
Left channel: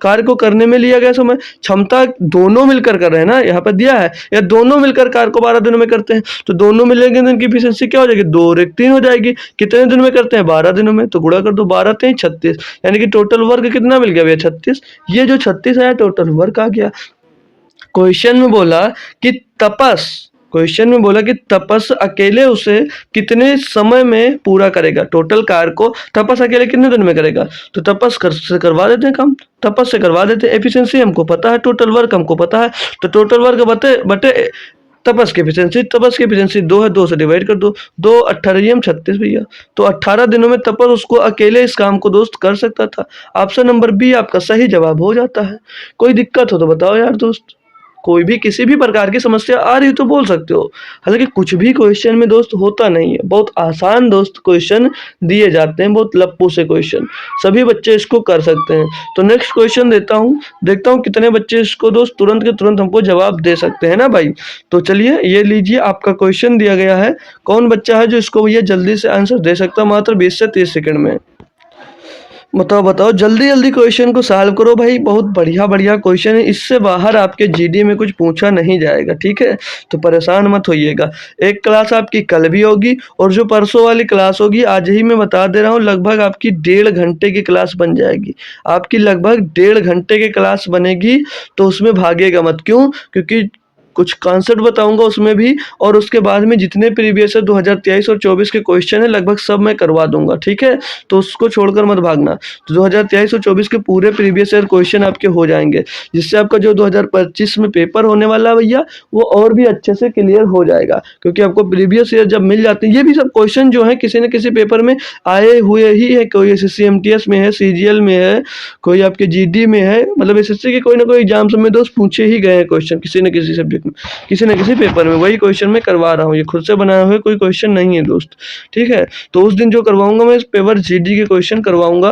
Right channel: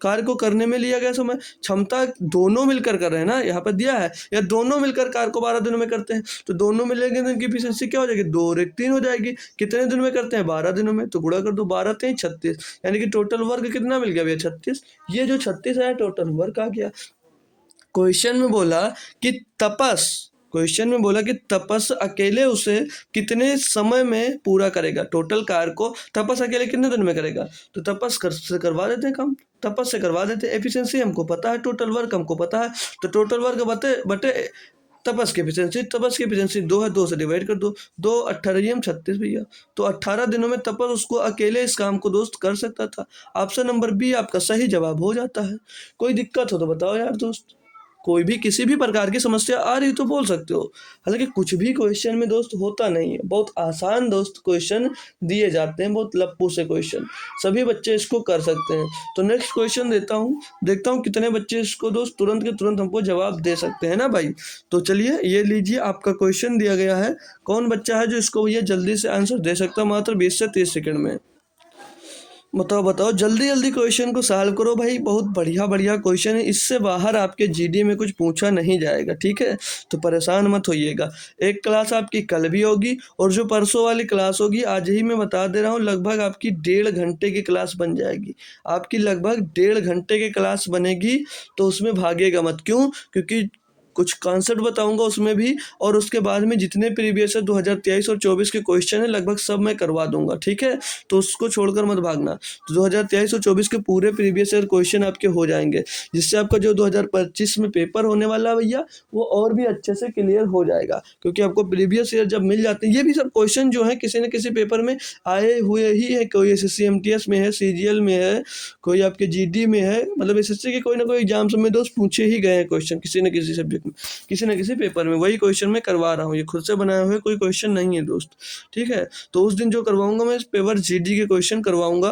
कार्य को करने में लिया गया समय। क्षमता दोनों मिलकर कर रहे हैं ना, यहाँ पर दिया है, या दोनों मिलकर कार्य को 12 दिनों में करते हैं। तो दोनों मिलेंगे तो इनकी एफिशिएंसी क्या हो जाएगी? 2 और 1 3 हो जाएगी। कितने दिनों में करते हैं? 12 दिनों में। तो गुणा कर दो, 12 3 36, यानी कि टोटल वर्क कितना मिल गया भैया? 36। ये जो 36 आया टोटल वर्क आ गया। क्वेश्चन में बोला कि तपस अकेले उसे कितने समय में पूरा करेगा? टोटल कार्य को तपस अकेले कितने दिन में करेगा? तो तपस से करवा देते हैं काम, तपस से करवा देते हैं। एफिशिएंसी हमको पता है, टोटल वर्क हमको पता है। तो टोटल वर्क बटे बटे तपस की एफिशिएंसी 2 है, 2 से डिवाइड कर दो। 2 18 36 भैया। तो 18 दिनों में तपस उसको अकेले इस काम को दोस्त कर सकता था। ऑप्शन नंबर बी आपका सही जवाब हो जाता है। कोई दिक्कत हो तो बताओ यार दोस्त। कोई भी किसी भी प्रकार की समस्या आ रही हो तो बोल सकते हो। हालांकि कुछ भी क्वेश्चन में दोस्त होता नहीं है, बहुत आसान दोस्त क्वेश्चन दिए जाते हैं, बहुत लप्पू से क्वेश्चन, सभी बच्चे इसको कर सकते हैं। तो नेक्स्ट क्वेश्चन देता हूँ, देखता हूँ कितने बच्चे इसको दोस्त तुरंत के तुरंत हमको जवाब दे सकते हैं ना भाई। तो चलिए ये लीजिए, आपका क्वेश्चन दिया गया है। कौन बच्चा है जो इसको भैया जल्दी से आंसर दे सकता है मात्र 20 से 30 सेकंड में? बताओ बताओ, जल्दी जल्दी क्वेश्चन को सॉल्व करो भाई। बहुत बढ़िया बढ़िया क्वेश्चन है, इससे बाहर आपके जीडी में कुछ पूछा नहीं जाएगा, ठीक है। तो परेशान मत होइएगा। एक क्लास आपकी कल भी होगी, और जो परसों वाली क्लास होगी, आज ही मैं बता दे रहा हूँ, लगभग आपकी 1.5 घंटे की क्लास बन जाएगी। आपकी लगभग 1.5 घंटे की क्लास बनेगी। तो उसमें भागेगा मत। क्यों? क्योंकि कुछ कॉन्सेप्ट बताऊंगा उसमें भी, और उसके बाद में जितने प्रीवियस है 2023 और 24 के क्वेश्चन है लगभग सब मैं करवा दूंगा, ठीक है। तो उसको छोड़कर मत भागना। तो 2023 और 24 के पूरे प्रीवियस ईयर क्वेश्चन आपके हो जाएंगे, जिससे आपका जो 2025 में पेपर होने वाला है भैया, वो और भी अच्छे से क्लियर हो जाएगा। क्योंकि आपको प्रीवियस ईयर जब मिल जाते हैं, ये भी सब क्वेश्चन जो है किसी न किसी पेपर में आए हुए ही है। कोई SSC-MTS में है, CGL में है, कोई आपके GD में है, मतलब SSC के कोई ना कोई एग्जाम्स में दोस्त पूछे ही गए हैं क्वेश्चन, किसी न किसी सब्जेक्ट में, किसी न किसी पेपर में। वही क्वेश्चन मैं करवा रहा हूँ, ये खुद से बनाए हुए कोई क्वेश्चन नहीं है दोस्त, ठीक है। तो उस दिन जो करवाऊंगा मैं, इस पेपर GD के क्वेश्चन करवाऊंगा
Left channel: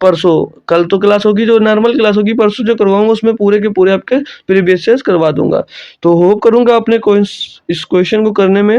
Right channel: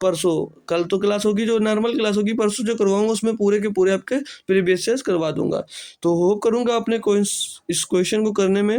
परसों। कल तो क्लास होगी, जो नॉर्मल क्लास होगी, परसों जो करवाऊंगा उसमें पूरे के पूरे आपके प्रीवियस ईयर्स करवा दूंगा। तो होप करूंगा आपने इस क्वेश्चन को करने में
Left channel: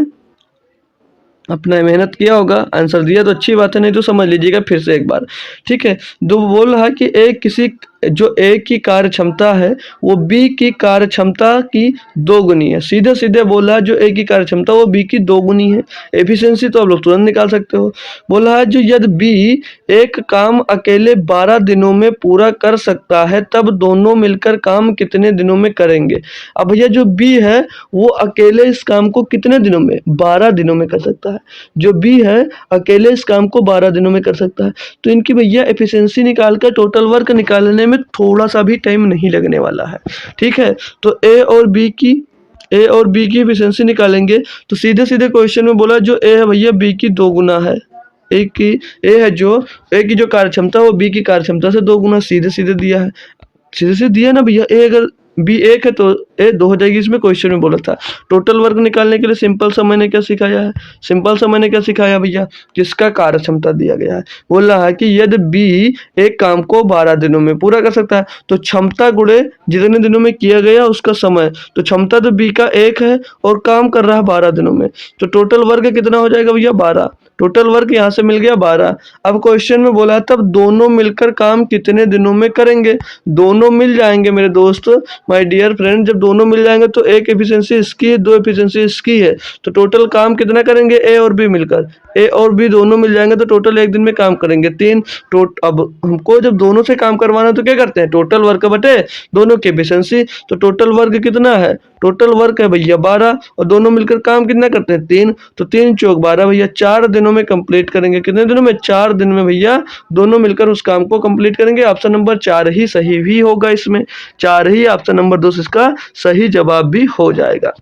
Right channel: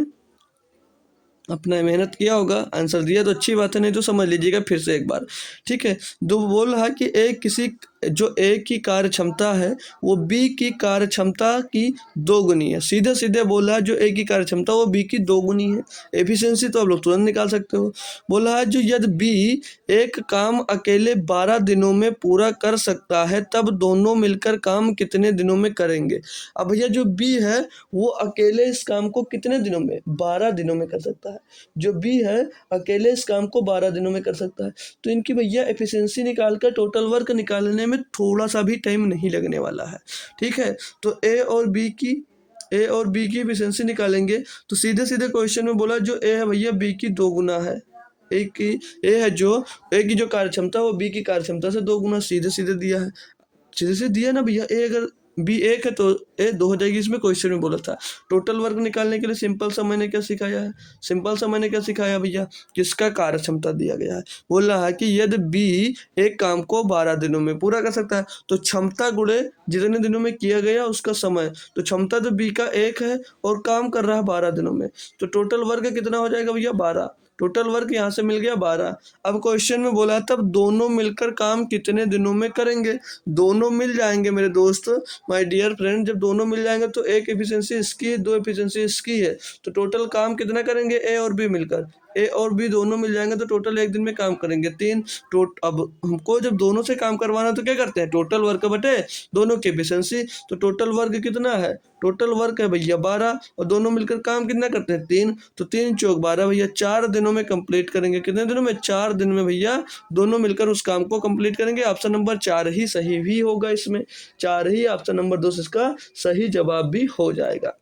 अपना मेहनत किया होगा। आंसर दिया तो अच्छी बात है, नहीं तो समझ लीजिएगा फिर से एक बार, ठीक है। दो बोल रहा है कि जो ए की कार्य क्षमता है वो बी की कार्य क्षमता की 2 गुनी है। सीधे सीधे बोल रहा है जो ए की कार्य क्षमता वो बी की 2 गुनी है। एफिशिएंसी तो आप लोग तुरंत निकाल सकते हो। बोल रहा है जो यदि बी एक काम अकेले 12 दिनों में पूरा कर सकता है, तब दोनों मिलकर काम कितने दिनों में करेंगे? अब भैया जो बी है वो अकेले इस काम को कितने दिनों में? 12 दिनों में कर सकता है। जो बी है अकेले इस काम को 12 दिनों में कर सकता है। तो इनकी भैया एफिशिएंसी निकाल कर टोटल वर्क निकालने में थोड़ा सा भी टाइम नहीं लगने वाला है, ठीक है। तो ए और बी की एफिशिएंसी निकालेंगे। तो सीधे सीधे क्वेश्चन में बोला जो ए है भैया बी की 2 गुना है। ए की जो कार्य क्षमता है वो बी की कार्य क्षमता से 2 गुना, सीधे सीधे दिया है। सीधे सीधे दिया ना भैया। ए अगर बी 1 है तो ए 2 हो जाएगी। इसमें क्वेश्चन में बोला था टोटल वर्क निकालने के लिए सिंपल सा मैंने क्या सिखाया है? सिंपल सा मैंने क्या सिखाया भैया? किसका कार्य क्षमता दिया गया है। बोल रहा है कि यदि बी एक काम को 12 दिनों में पूरा कर सकता है, तो क्षमता गुणे जितने दिनों में किया गया उसका समय। तो क्षमता तो बी का 1 है और काम कर रहा है 12 दिनों में, तो टोटल वर्क कितना हो जाएगा भैया? 12। टोटल वर्क यहाँ से मिल गया 12। अब क्वेश्चन में बोला तब दोनों मिलकर काम कितने दिनों में करेंगे। दोनों मिल जाएंगे मेरे दोस्त, माय डियर फ्रेंड, जब दोनों मिल जाएंगे तो एक एफिशिएंसी इसकी है, दो एफिशिएंसी इसकी है, तो टोटल काम कितना करेंगे ए और बी मिलकर। ए और बी दोनों मिल जाएंगे तो टोटल एक दिन में काम करेंगे 3। अब हमको जब दोनों से काम करवाना है तो क्या करते हैं, टोटल वर्क बटे दोनों की एफिशिएंसी। तो टोटल वर्क कितना है, टोटल वर्क है भैया 12 और दोनों मिलकर काम कितना करते हैं 3, तो 3 चौक 12 भैया 4 दिनों में कंप्लीट करेंगे। कितने दिनों में, 4 दिन में भैया दोनों मिलकर उस काम को कंप्लीट करेंगे। ऑप्शन नंबर 4 ही सही भी होगा, इसमें 4 ही ऑप्शन नंबर 2 इसका सही जवाब भी हो जाएगा।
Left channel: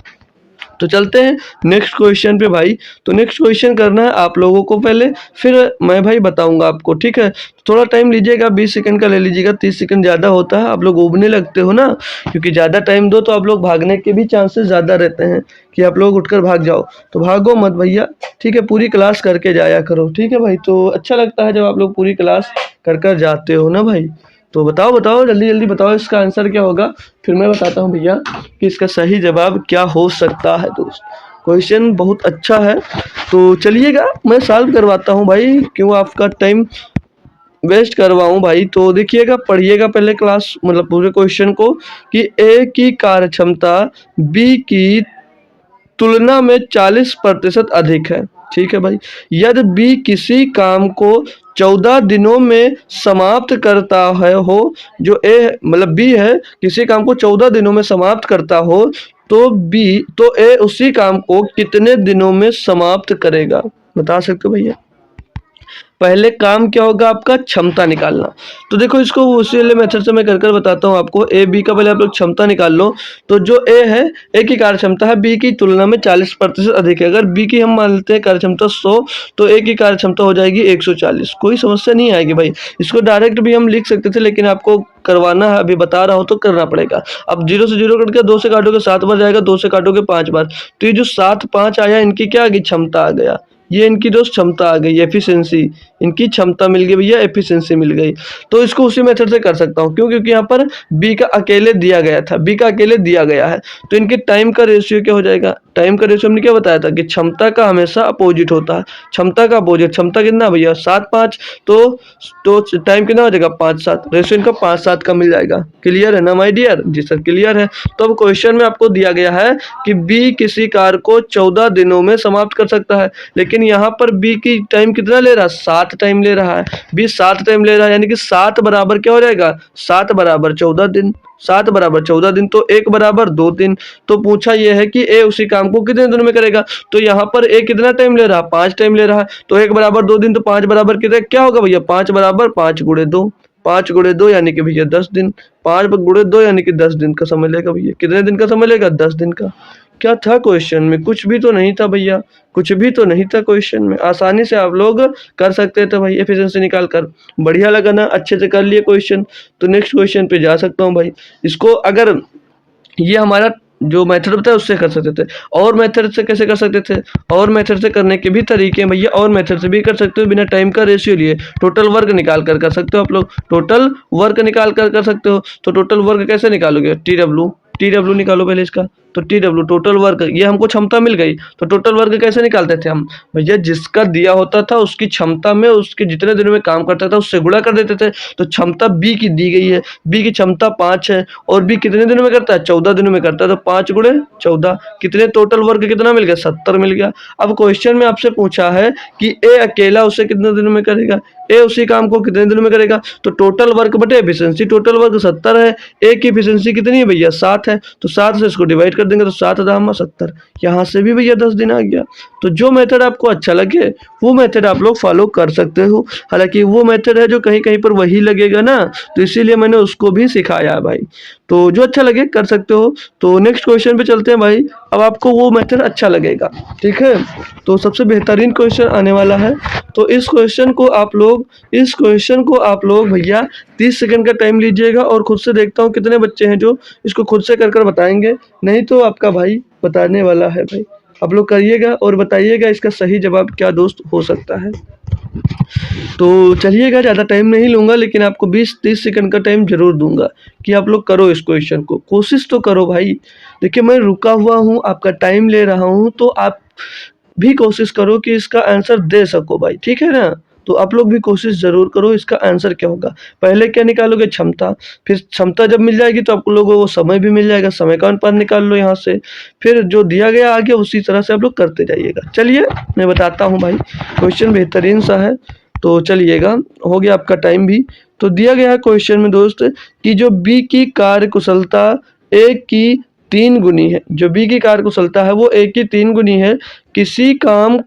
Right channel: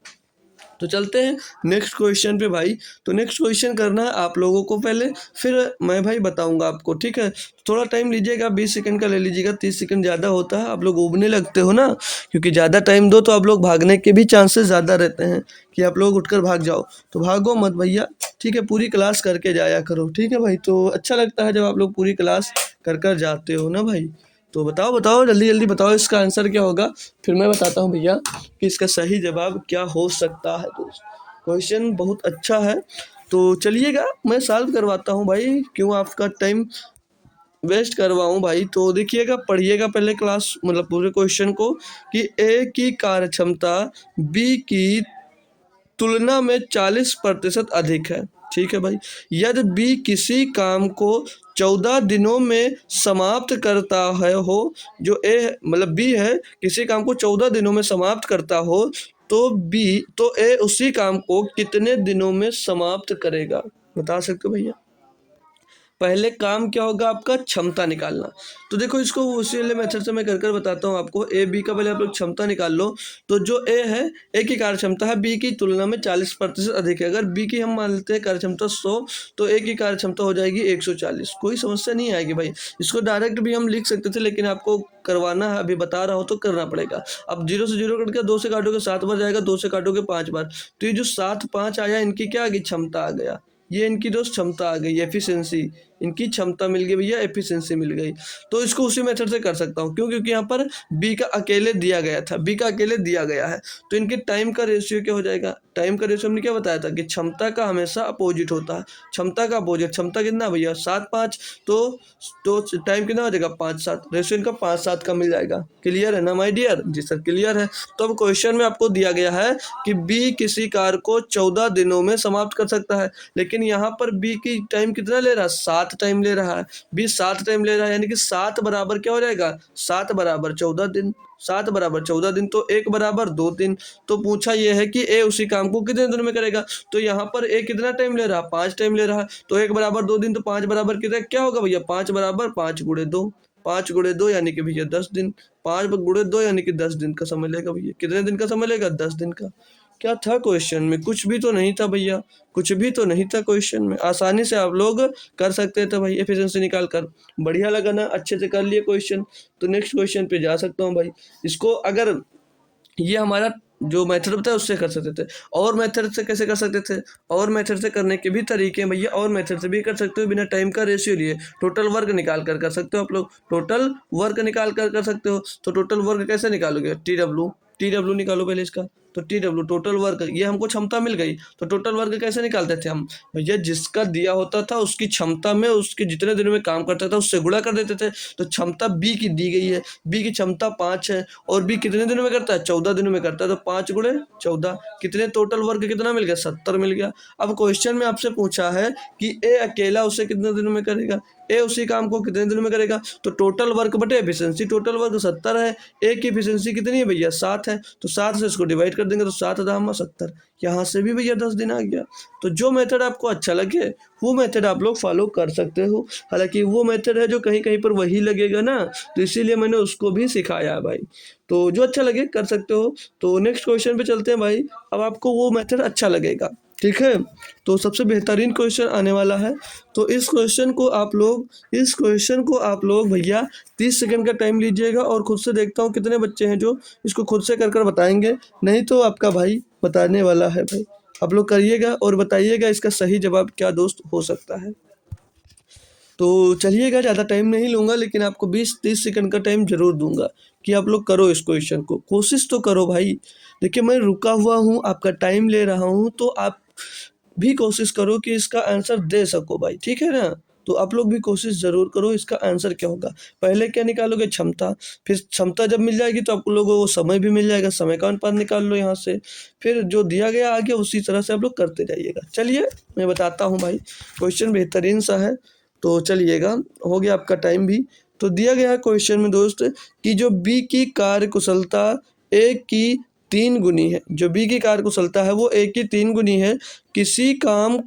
तो चलते हैं नेक्स्ट क्वेश्चन पे भाई। तो नेक्स्ट क्वेश्चन करना है आप लोगों को पहले, फिर मैं भाई बताऊंगा आपको, ठीक है। थोड़ा टाइम लीजिएगा, 20 सेकंड का ले लीजिएगा, 30 सेकंड ज़्यादा होता है, आप लोग उबने लगते हो ना, क्योंकि ज़्यादा टाइम दो तो आप लोग भागने के भी चांसेस ज़्यादा रहते हैं कि आप लोग उठकर भाग जाओ, तो भागो मत भैया, ठीक है। पूरी क्लास करके जाया करो, ठीक है भाई। तो अच्छा लगता है जब आप लोग पूरी क्लास कर कर जाते हो ना भाई। तो बताओ बताओ जल्दी जल्दी बताओ इसका आंसर क्या होगा, फिर मैं बताता हूँ भैया कि इसका सही जवाब क्या हो सकता है दोस्त। क्वेश्चन बहुत अच्छा है, तो चलिएगा मैं सॉल्व करवाता हूँ भाई, क्यों आपका टाइम वेस्ट करवाऊँ भाई। तो देखिएगा, पढ़िएगा पहले क्लास, मतलब पूरे क्वेश्चन को, कि ए की कार्य क्षमता बी की तुलना में 40% अधिक है, ठीक है भाई। यदि बी किसी काम को 14 दिनों में समाप्त करता है हो, जो ए मतलब बी है, किसी काम को 14 दिनों में समाप्त करता हो, तो ए उसी काम को कितने दिनों में समाप्त करेगा, बता सकते हो भैया। पहले काम क्या होगा आपका, क्षमता निकालना। तो देखो इसको उसी वाले मेथड से मैं कर कर बताता हूँ आपको। ए बी का पहले आप लोग क्षमता निकाल लो। तो जो ए है, ए की कार्य क्षमता है बी की तुलना में 40% अधिक है। अगर बी की हम मान लेते हैं कार्य क्षमता 100, तो ए की कार्य क्षमता हो जाएगी 140। कोई समस्या नहीं आएगी भाई, इसको डायरेक्ट भी हम लिख सकते थे, लेकिन आपको करवाना है, अभी बता रहा हूँ तो करना पड़ेगा। अब 0 से 0 कट के 2 से काटोगे 7 बार जाएगा, 2 से काटोगे 5 बार, तो ये जो 7 5 आया, इनकी क्या आ गई, क्षमता आ गया। ये इनकी दोस्त क्षमता आ गई, एफिशिएंसी, इनकी क्षमता मिल गई भैया, एफिशिएंसी मिल गई। तो इसको उसी मेथड से कर सकता हूँ, क्यों, क्योंकि यहाँ पर बी का अकेले दिया गया था, बी का अकेले दिया गया है। तो इनके टाइम का रेशियो क्या हो जाएगा, टाइम का रेशियो हमने क्या बताया था कि क्षमता का हमेशा अपोजिट होता है। क्षमता का अपोजिट, क्षमता कितना भैया 7 5, तो टाइम कितना हो जाएगा 5 7, रेशियो इनका 5 7 का मिल जाएगा। क्लियर है ना माय डियर, जी सर क्लियर है। तो अब क्वेश्चन में आपको दिया गया है कि बी किसी कार्य को 14 दिनों में समाप्त कर सकता है, लेकिन यहाँ पर बी की टाइम कितना ले रहा है, 7 टाइम ले रहा है। बी 7 टाइम ले रहा है, यानी कि 7 बराबर क्या हो जाएगा, 7 बराबर 14 दिन, 7 बराबर 14 दिन, तो 1 बराबर 2 दिन। तो पूछा यह है कि ए उसी काम को कितने दिनों में करेगा। तो यहाँ पर ए कितना टाइम ले रहा है, 5 टाइम ले रहा है, तो 1 बराबर 2 दिन, तो 5 बराबर कितने क्या होगा भैया, 5 बराबर 5 गुणे 2, 5 गुणे 2 यानी कि भैया 10 दिन, 5 गुणे 2 यानी कि 10 दिन का समय लेगा भैया। कितने दिन का समय लेगा, 10 दिन का। क्या था क्वेश्चन में, कुछ भी तो नहीं था भैया, कुछ भी तो नहीं था क्वेश्चन में, आसानी से आप लोग कर सकते थे भाई एफिशिएंसी निकाल कर। बढ़िया लगा ना, अच्छे से कर लिए क्वेश्चन। तो नेक्स्ट क्वेश्चन पे जा सकता हूँ भाई। इसको अगर ये हमारा जो मेथड बताया उससे कर सकते थे, और मेथड से कैसे कर सकते थे, और मेथड से करने के भी तरीके हैं भैया, और मेथड से भी कर सकते हो, बिना टाइम का रेशियो लिए टोटल वर्क निकाल कर सकते हो आप लोग, टोटल वर्क निकाल कर सकते हो। तो टोटल वर्क कैसे निकालोगे, टी डब्ल्यू निकालो पहले इसका। तो टी डब्ल्यू टोटल वर्क, ये हमको क्षमता मिल गई, तो टोटल वर्क कैसे निकालते थे हम भैया, जिसका दिया होता था उसकी क्षमता में उसके जितने दिनों में काम करता था उससे गुणा कर देते थे। तो क्षमता बी की दी गई है, बी की क्षमता 5 है, और बी कितने दिनों में करता है, 14 दिनों में करता है, तो 5 गुणे 14 कितने, टोटल वर्क कितना मिल गया, 70 मिल गया। अब क्वेश्चन में आपसे पूछा है कि ए अकेला उसे कितने दिनों में करेगा, ए उसी काम को कितने दिनों में करेगा। तो टोटल वर्क बटे एफिशिएंसी, टोटल वर्क 70 है, ए की एफिशिएंसी कितनी है भैया 7 है, तो 7 से इसको डिवाइड कर देंगे, तो 7 दाम 70, यहाँ से भी भैया 10 दिन आ गया। तो जो मेथड आपको अच्छा लगे वो मेथड आप लोग फॉलो कर सकते हो। हालांकि वो मेथड है जो कहीं कहीं पर वही लगेगा ना, तो इसीलिए मैंने उसको भी सिखाया है भाई। तो जो अच्छा लगे कर सकते हो। तो नेक्स्ट क्वेश्चन पे चलते हैं भाई। अब आपको वो मेथड अच्छा लगेगा, ठीक है। तो सबसे बेहतरीन क्वेश्चन आने वाला है। तो इस क्वेश्चन को आप लोग भैया 30 सेकंड का टाइम लीजिएगा, और खुद से देखता हूँ कितने बच्चे हैं जो इसको खुद से कर कर बताएंगे, नहीं तो आपका भाई बताने वाला है भाई। आप लोग करिएगा और बताइएगा इसका सही जवाब क्या दोस्त हो सकता है। तो चलिएगा, ज़्यादा टाइम नहीं लूँगा, लेकिन आपको 20-30 सेकंड का टाइम ज़रूर दूंगा कि आप लोग करो इस क्वेश्चन को, कोशिश तो करो भाई। देखिए मैं रुका हुआ हूँ, आपका टाइम ले रहा हूँ, तो आप भी कोशिश करो कि इसका आंसर दे सको भाई, ठीक है ना? तो आप लोग भी कोशिश ज़रूर करो इसका आंसर क्या होगा। पहले क्या निकालोगे? क्षमता, फिर क्षमता जब मिल जाएगी तो आप लोगों को समय भी मिल जाएगा, समय का अनुपात निकाल लो यहाँ से, फिर जो दिया गया आगे उसी तरह से आप लोग करते जाइएगा। चलिए मैं बताता हूँ भाई, क्वेश्चन बेहतरीन सा है, तो चलिएगा, हो गया आपका टाइम भी। तो दिया गया है क्वेश्चन में दोस्त कि जो बी की कार्य कुशलता ए की 3 गुनी है, जो बी की कार्य कुशलता है वो ए की 3 गुनी है। किसी काम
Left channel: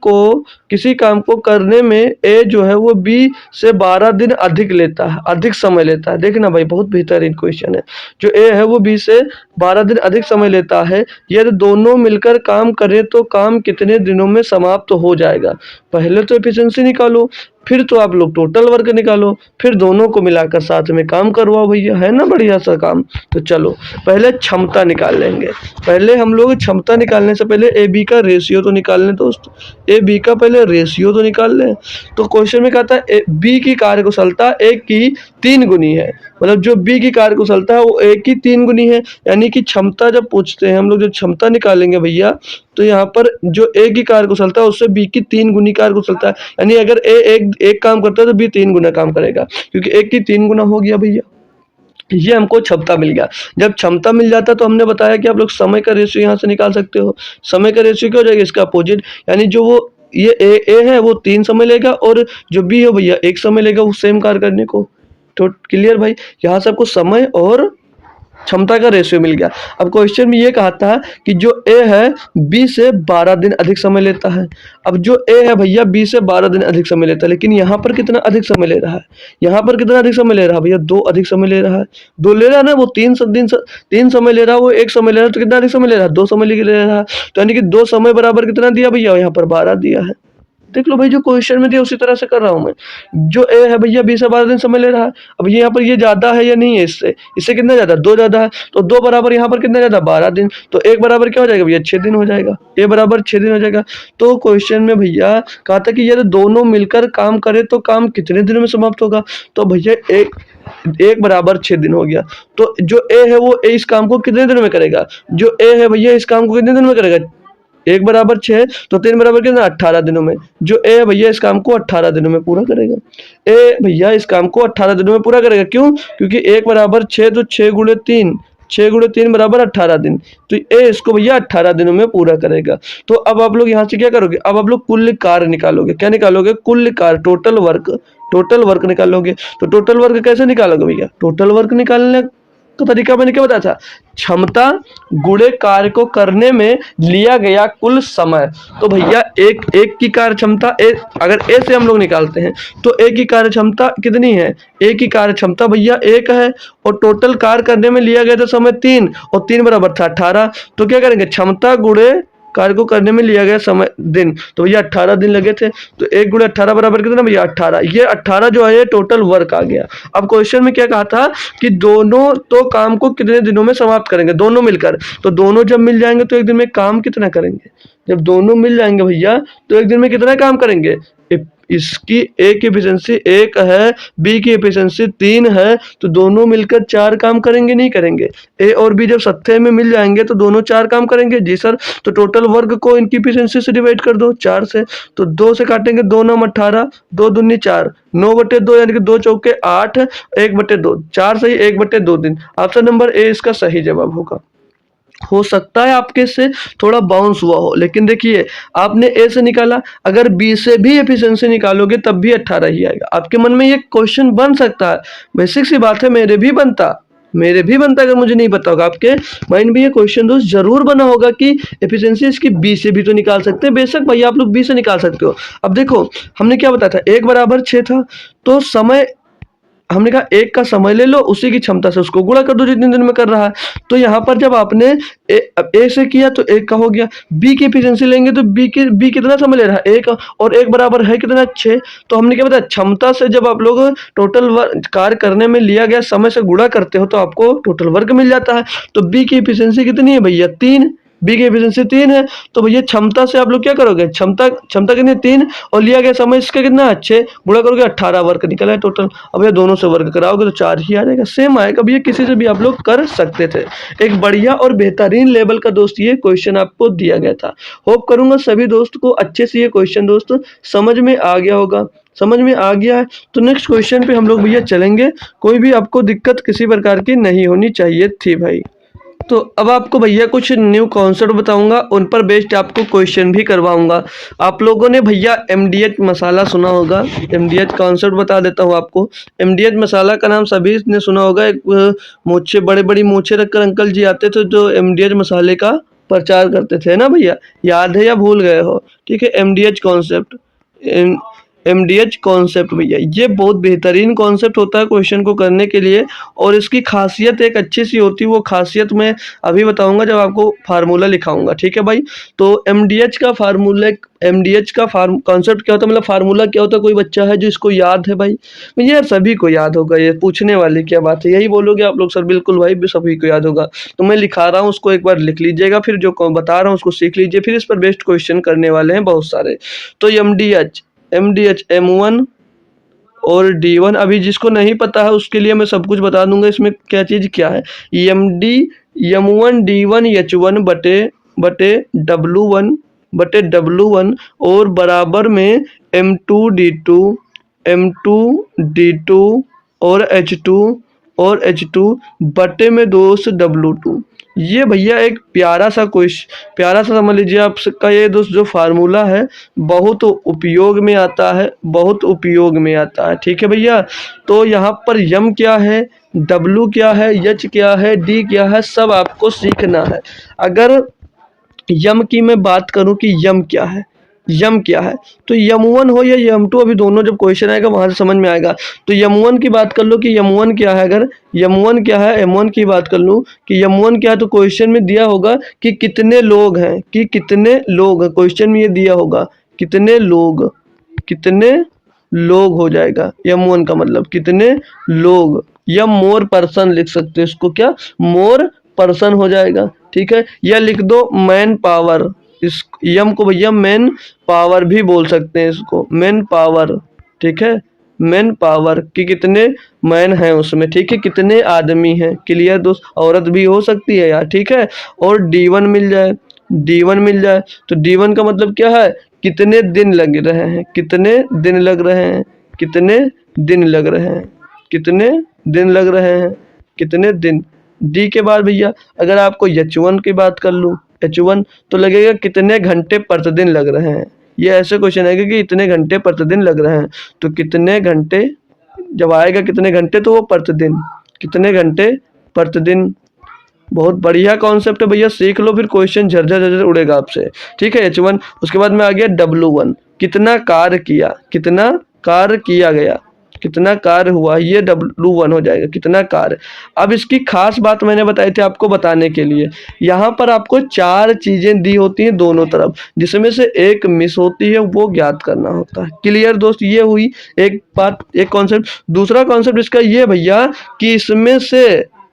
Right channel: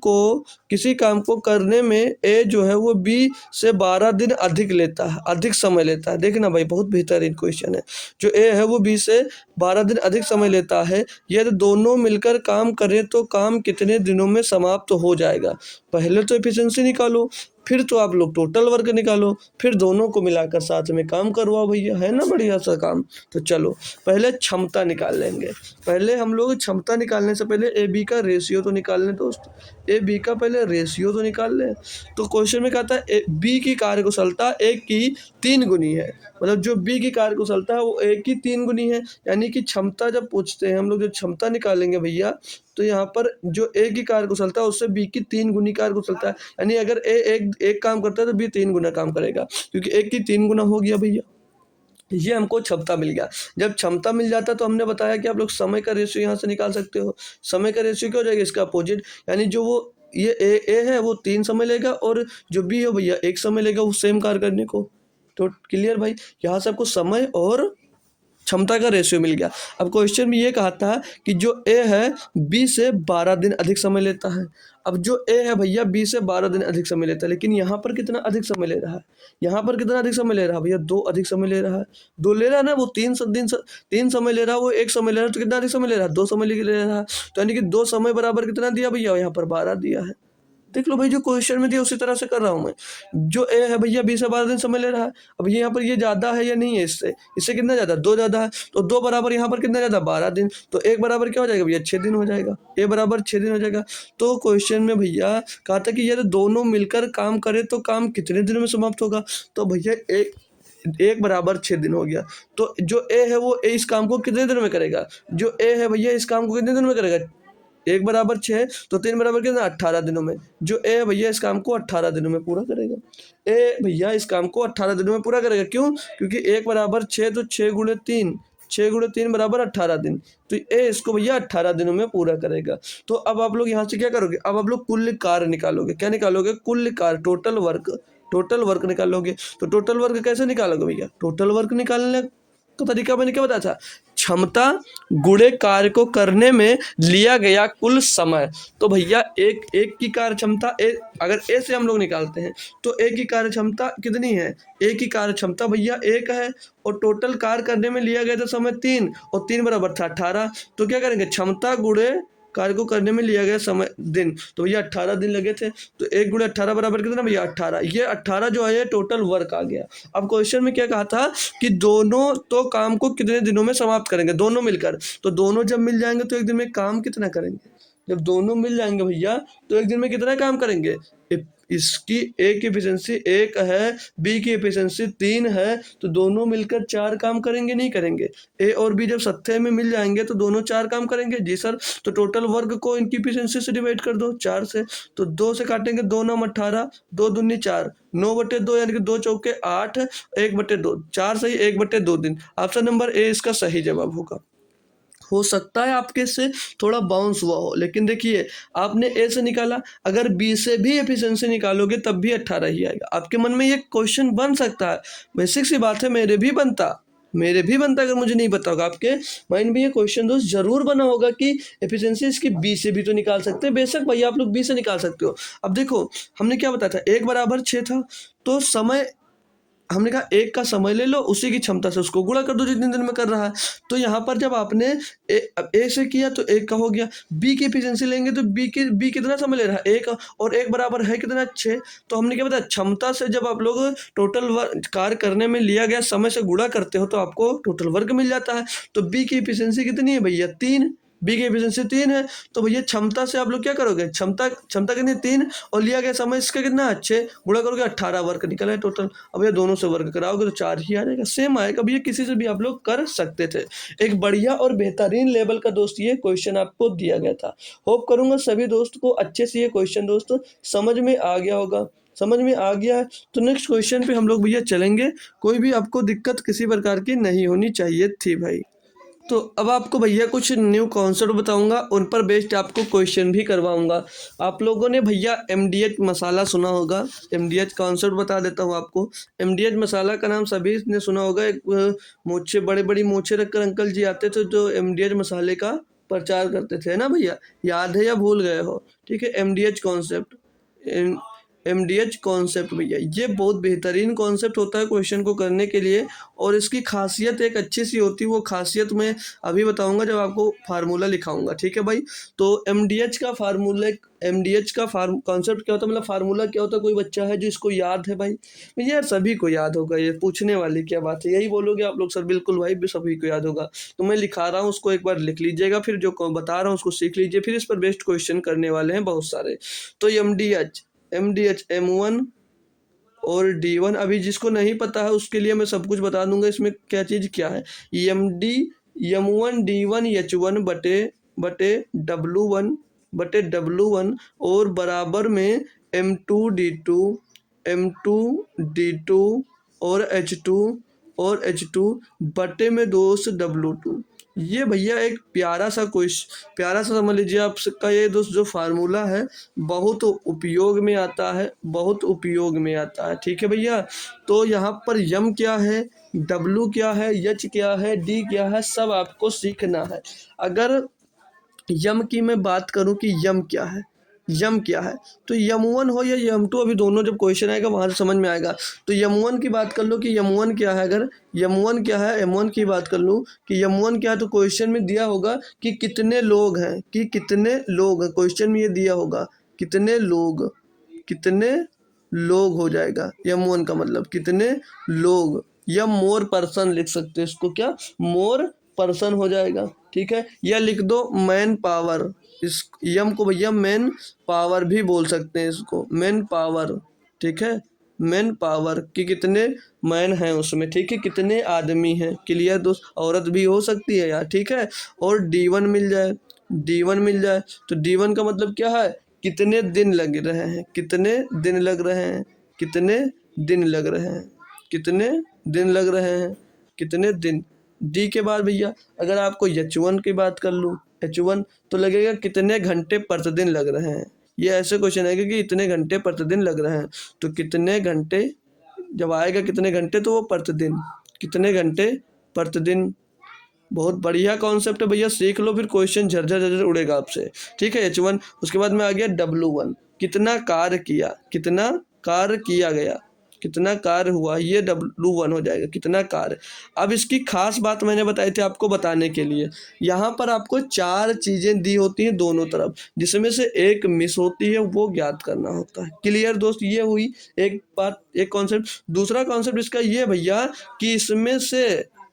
को करने में ए जो है वो बी से 12 दिन अधिक लेता है, अधिक समय लेता है। देखना भाई बहुत बेहतरीन क्वेश्चन है। जो ए है वो बी से 12 दिन अधिक समय लेता है, यदि दोनों मिलकर काम करें तो काम कितने दिनों में समाप्त हो जाएगा। पहले तो एफिशिएंसी निकालो, फिर तो आप लोग टोटल वर्क निकालो, फिर दोनों को मिलाकर साथ में काम करवाओ भैया, है ना बढ़िया सा काम। तो चलो पहले क्षमता निकाल लेंगे। पहले हम लोग क्षमता निकालने से पहले ए बी का रेशियो तो निकाल लें दोस्त, ए बी का पहले रेशियो तो निकाल लें। तो क्वेश्चन में कहता है बी की कार्यकुशलता ए की 3 गुनी है, मतलब जो बी की कार्यकुशलता है वो ए की 3 गुनी है। यानी कि क्षमता जब पूछते हैं हम लोग, जब क्षमता निकालेंगे भैया, तो यहाँ पर जो ए की कार्यकुशलता है उससे बी की 3 गुनी कार्यकुशलता है। यानी अगर ए एक काम करता है तो बी 3 गुना काम करेगा, क्योंकि एक की 3 गुना हो गया भैया। ये हमको क्षमता मिल गया। जब क्षमता मिल जाता है तो हमने बताया कि आप लोग समय का रेशियो यहाँ से निकाल सकते हो। समय का रेशियो क्या हो जाएगा? इसका अपोजिट, यानी जो वो ये ए है वो 3 समय लेगा, और जो बी है भैया 1 समय लेगा वो सेम कार्य करने को। तो क्लियर भाई, यहाँ से आपको समय और क्षमता का रेशियो मिल गया। अब क्वेश्चन में ये कहा था कि जो ए है बी से 12 दिन अधिक समय लेता है। अब जो ए है भैया बी से 12 दिन अधिक समय लेता है, लेकिन यहाँ पर कितना अधिक समय ले रहा है? यहाँ पर कितना अधिक समय ले रहा है भैया? 2 अधिक समय ले रहा है। 2 ले रहा है ना, वो 3 समय ले रहा है, वो 1 समय ले रहा है, तो कितना अधिक समय ले रहा है? 2 समय ले रहा है। तो यानी कि 2 समय बराबर कितना दिया भैया? यहाँ पर 12 दिया है। देख लो भाई, जो क्वेश्चन में दिया उसी तरह से कर रहा हूँ मैं। जो ए है भैया 20 से 12 दिन समय ले रहा है। अब यहाँ पर ये ज्यादा है या नहीं है? इससे इससे कितना ज्यादा? 2 ज्यादा है, तो 2 बराबर यहाँ पर कितना ज्यादा? 12 दिन। तो 1 बराबर क्या हो जाएगा भैया? 6 दिन हो जाएगा। ए बराबर 6 दिन हो जाएगा। तो क्वेश्चन में भैया कहा था कि यदि दोनों मिलकर काम करे तो काम कितने दिनों में समाप्त होगा? तो भैया एक बराबर 6 दिन हो गया। तो जो ए है वो इस काम को कितने दिन में करेगा? जो ए है भैया इस काम को कितने दिन में करेगा? 1 बराबर 6, तो 3 बराबर कितना? 18 दिनों में। जो ए है भैया इस काम को 18 दिनों में पूरा करेगा। ए भैया इस काम को 18 दिनों में पूरा करेगा। क्यों? क्योंकि 1 बराबर 6, तो 6 गुणे 3, 6 गुणे 3 बराबर 18 दिन। तो ए इसको भैया 18 दिनों में पूरा करेगा। तो अब आप लोग यहाँ से क्या करोगे? अब आप लोग कुल कार्य निकालोगे। क्या निकालोगे? कुल कार्य, टोटल वर्क, टोटल वर्क निकालोगे। तो टोटल वर्क कैसे निकालोगे भैया? टोटल वर्क निकालने का तरीका मैंने क्या बताया था? क्षमता गुणे कार्य को करने में लिया गया कुल समय। तो भैया एक की कार्य क्षमता अगर ए से हम लोग निकालते हैं तो ए की कार्य क्षमता कितनी है? ए की कार्य क्षमता भैया 1 है, और टोटल कार्य करने में लिया गया था समय 3, और 3 बराबर था 18। तो क्या करेंगे? क्षमता गुणे कार्य को करने में लिया गया समय दिन, तो भैया 18 दिन लगे थे। तो 1 गुणे 18 बराबर कितना भैया? 18। ये 18 जो है टोटल वर्क आ गया। अब क्वेश्चन में क्या कहा था कि दोनों तो काम को कितने दिनों में समाप्त करेंगे? दोनों मिलकर। तो दोनों जब मिल जाएंगे तो एक दिन में काम कितना करेंगे? जब दोनों मिल जाएंगे भैया तो एक दिन में कितना काम करेंगे? इसकी ए की एफिशिएंसी 1 है, बी की एफिशिएंसी 3 है, तो दोनों मिलकर 4 काम करेंगे, नहीं करेंगे? ए और बी जब सत्ते में मिल जाएंगे तो दोनों 4 काम करेंगे। जी सर। तो टोटल वर्क को इनकी एफिशिएंसी से डिवाइड कर दो 4 से। तो 2 से काटेंगे, 2 9 18, 2 दूनी 4, 9/2 यानी कि 2 चौके 8, 1/2, 4 सही 1/2 दिन। ऑप्शन नंबर ए इसका सही जवाब होगा। हो सकता है आपके से थोड़ा बाउंस हुआ हो, लेकिन देखिए आपने ए से निकाला, अगर बी से भी एफिशिएंसी निकालोगे तब भी 18 ही आएगा। आपके मन में ये क्वेश्चन बन सकता है, बेसिक सी बात है, मेरे भी बनता अगर मुझे नहीं पता होगा। आपके माइंड में ये क्वेश्चन दोस्त जरूर बना होगा कि एफिशिएंसी इसकी बी से भी तो निकाल सकते हैं। बेशक भैया आप लोग बी से निकाल सकते हो। अब देखो हमने क्या बताया था, 1 बराबर 6 था, तो समय हमने कहा 1 का समय ले लो, उसी की क्षमता से उसको गुणा कर दो जितने दिन में कर रहा है। तो यहाँ पर जब आपने ए से किया तो 1 का हो गया। बी की एफिशिएंसी लेंगे तो बी कितना समय ले रहा है? 1, और 1 बराबर है कितना? 6। तो हमने क्या बताया, क्षमता से जब आप लोग टोटल वर्क कार्य करने में लिया गया समय से गुणा करते हो तो आपको टोटल वर्क मिल जाता है। तो बी की एफिशिएंसी कितनी है भैया? 3। बी की एफिशिएंसी 3 है, तो भैया क्षमता से आप लोग क्या करोगे, क्षमता क्षमता कितनी 3 और लिया गया समय इसका कितना 6, गुणा करोगे 18 वर्ग निकला है टोटल। अब ये दोनों से वर्ग कराओगे तो 4 ही आ जाएगा, सेम आएगा भैया, किसी से भी आप लोग कर सकते थे। एक बढ़िया और बेहतरीन लेवल का दोस्त ये क्वेश्चन आपको दिया गया था। होप करूंगा सभी दोस्त को अच्छे से ये क्वेश्चन दोस्त समझ में आ गया होगा। समझ में आ गया है तो नेक्स्ट क्वेश्चन पे हम लोग भैया चलेंगे। कोई भी आपको दिक्कत किसी प्रकार की नहीं होनी चाहिए थी भाई। तो अब आपको भैया कुछ न्यू कॉन्सेप्ट बताऊंगा, उन पर बेस्ड आपको क्वेश्चन भी करवाऊंगा। आप लोगों ने भैया एमडीएच मसाला सुना होगा, एमडीएच कॉन्सेप्ट बता देता हूँ आपको। एमडीएच मसाला का नाम सभी ने सुना होगा। एक मूछे बड़ी बड़ी मूछे रखकर अंकल जी आते थे जो एमडीएच मसाले का प्रचार करते थे ना भैया, याद है या भूल गए हो? ठीक है, एमडीएच कॉन्सेप्ट, एमडीएच कॉन्सेप्ट भैया ये बहुत बेहतरीन कॉन्सेप्ट होता है क्वेश्चन को करने के लिए, और इसकी खासियत एक अच्छी सी होती है। वो खासियत मैं अभी बताऊंगा जब आपको फार्मूला लिखाऊंगा, ठीक है भाई। तो एमडीएच का फार्मूला, एमडीएच का कॉन्सेप्ट क्या होता है, मतलब फार्मूला क्या होता है, कोई बच्चा है जो इसको याद है भाई? यार सभी को याद होगा, ये पूछने वाली क्या बात है, यही बोलोगे आप लोग सर बिल्कुल भाई सभी को याद होगा। तो मैं लिखा रहा हूँ उसको एक बार लिख लीजिएगा, फिर जो बता रहा हूँ उसको सीख लीजिए, फिर इस पर बेस्ट क्वेश्चन करने वाले हैं बहुत सारे। तो एमडीएच M1 और D1, अभी जिसको नहीं पता है उसके लिए मैं सब कुछ बता दूंगा इसमें क्या चीज़ क्या है। M1 D1 H1 बटे बटे W1 और बराबर में M2 D2 और H2 बटे में दोस्त W2। ये भैया एक प्यारा सा समझ लीजिए आपका ये दोस्त जो फार्मूला है बहुत उपयोग में आता है, बहुत उपयोग में आता है। ठीक है भैया, तो यहाँ पर यम क्या है, डब्लू क्या है, एच क्या है, डी क्या है, सब आपको सीखना है। अगर यम की मैं बात करूं कि यम क्या है, यम क्या है, तो यम1 हो या यम2, अभी दोनों जब क्वेश्चन आएगा वहां से समझ में आएगा। तो यम1 की बात कर लो कि यम1 क्या है, अगर यम1 क्या है, M1 की बात कर लूँ कि यम1 क्या है, तो क्वेश्चन में दिया होगा कि कितने लोग हैं, कि कितने लोग हैं, क्वेश्चन में ये दिया होगा कितने लोग हो जाएगा। यम1 का मतलब कितने लोग, या मोर पर्सन लिख सकते हो इसको, क्या मोर पर्सन हो जाएगा। ठीक है, या लिख दो मैन पावर, इस यम को भैया मैन पावर भी बोल सकते हैं, इसको मैन पावर। ठीक है, मैन पावर कि कितने मैन हैं उसमें, ठीक है, कितने आदमी हैं। क्लियर दोस्त, औरत भी हो सकती है यार, ठीक है। और D1 मिल जाए, D1 मिल जाए, तो D1 का मतलब क्या है, कितने दिन लग रहे हैं, कितने दिन लग रहे हैं, कितने दिन लग रहे हैं, कितने दिन लग रहे हैं, कितने दिन। डी के बाद भैया अगर आपको H1 की बात कर लूँ, H1 तो लगेगा कितने घंटे प्रतिदिन लग रहे हैं। ये ऐसे क्वेश्चन आएगा कि इतने घंटे प्रतिदिन लग रहे हैं, तो कितने घंटे जब आएगा कितने घंटे तो वो प्रतिदिन, कितने घंटे प्रतिदिन। बहुत बढ़िया कॉन्सेप्ट है भैया, सीख लो, फिर क्वेश्चन झरझर झरझर उड़ेगा आपसे। ठीक है, H1। उसके बाद में आ गया W1, कितना कार्य किया, कितना कार्य किया गया, कितना कार्य हुआ, ये W1 हो जाएगा, कितना कार्य। अब इसकी खास बात मैंने बताई थी आपको बताने के लिए, यहाँ पर आपको 4 चीजें दी होती हैं दोनों तरफ, जिसमें से एक मिस होती है, वो ज्ञात करना होता है। क्लियर दोस्त, ये हुई एक बात, एक कॉन्सेप्ट। दूसरा कॉन्सेप्ट इसका ये भैया कि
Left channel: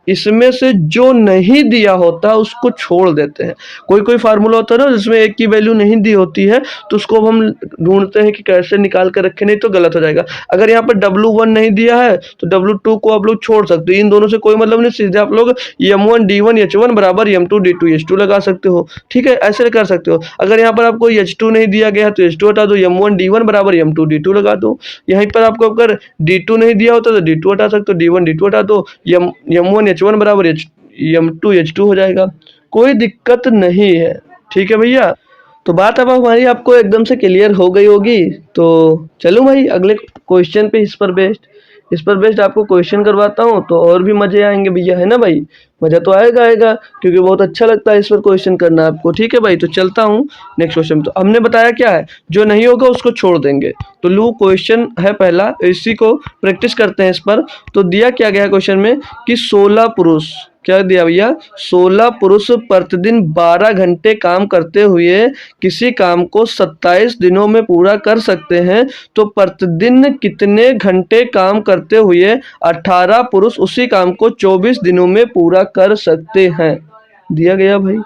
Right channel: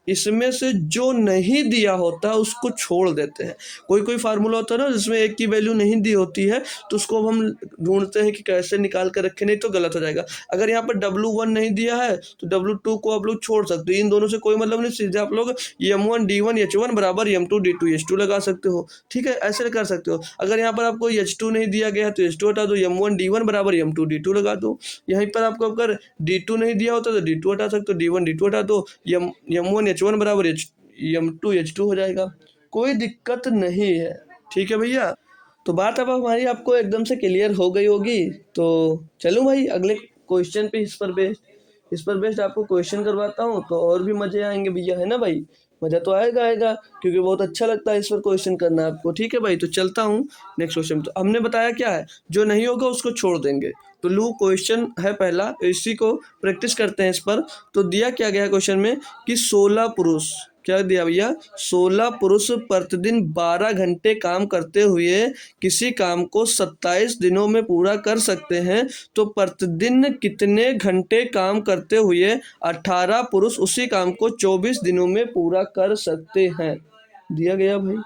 इसमें से जो नहीं दिया होता उसको छोड़ देते हैं। कोई कोई फार्मूला होता है ना जिसमें एक की वैल्यू नहीं दी होती है, तो उसको हम ढूंढते हैं कि कैसे निकाल कर रखें, नहीं तो गलत हो जाएगा। अगर यहाँ पर W1 नहीं दिया है तो W2 को आप लोग छोड़ सकते हो, इन दोनों से कोई मतलब नहीं, सीधे आप लोग M1 D1 H1 बराबर M2 D2 H2 लगा सकते हो। ठीक है, ऐसे कर सकते हो। अगर यहाँ पर आपको H2 नहीं दिया गया है तो H2 हटा दो, M1 D1 बराबर M2 D2 लगा दो। यहीं पर आपको अगर D2 नहीं दिया होता तो D2 हटा सकते हो, D1 D2 हटा दो, M1 H1 बराबर M2 H2 हो जाएगा, कोई दिक्कत नहीं है। ठीक है भैया, तो बात अब हमारी आपको एकदम से क्लियर हो गई होगी। तो चलो भाई अगले क्वेश्चन पे, इस पर बेस्ड आपको क्वेश्चन करवाता हूँ, तो और भी मजे आएंगे भैया, है ना भाई? मज़ा तो आएगा क्योंकि बहुत अच्छा लगता है इस पर क्वेश्चन करना आपको। ठीक है भाई, तो चलता हूँ नेक्स्ट क्वेश्चन। तो हमने बताया क्या है, जो नहीं होगा उसको छोड़ देंगे। तो लो क्वेश्चन है पहला, इसी को प्रैक्टिस करते हैं इस पर। तो दिया क्या गया क्वेश्चन में कि 16 पुरुष, क्या दिया भैया, 16 पुरुष प्रतिदिन 12 घंटे काम करते हुए किसी काम को 27 दिनों में पूरा कर सकते हैं, तो प्रतिदिन कितने घंटे काम करते हुए 18 पुरुष उसी काम को 24 दिनों में पूरा कर सकते हैं। दिया गया भाई,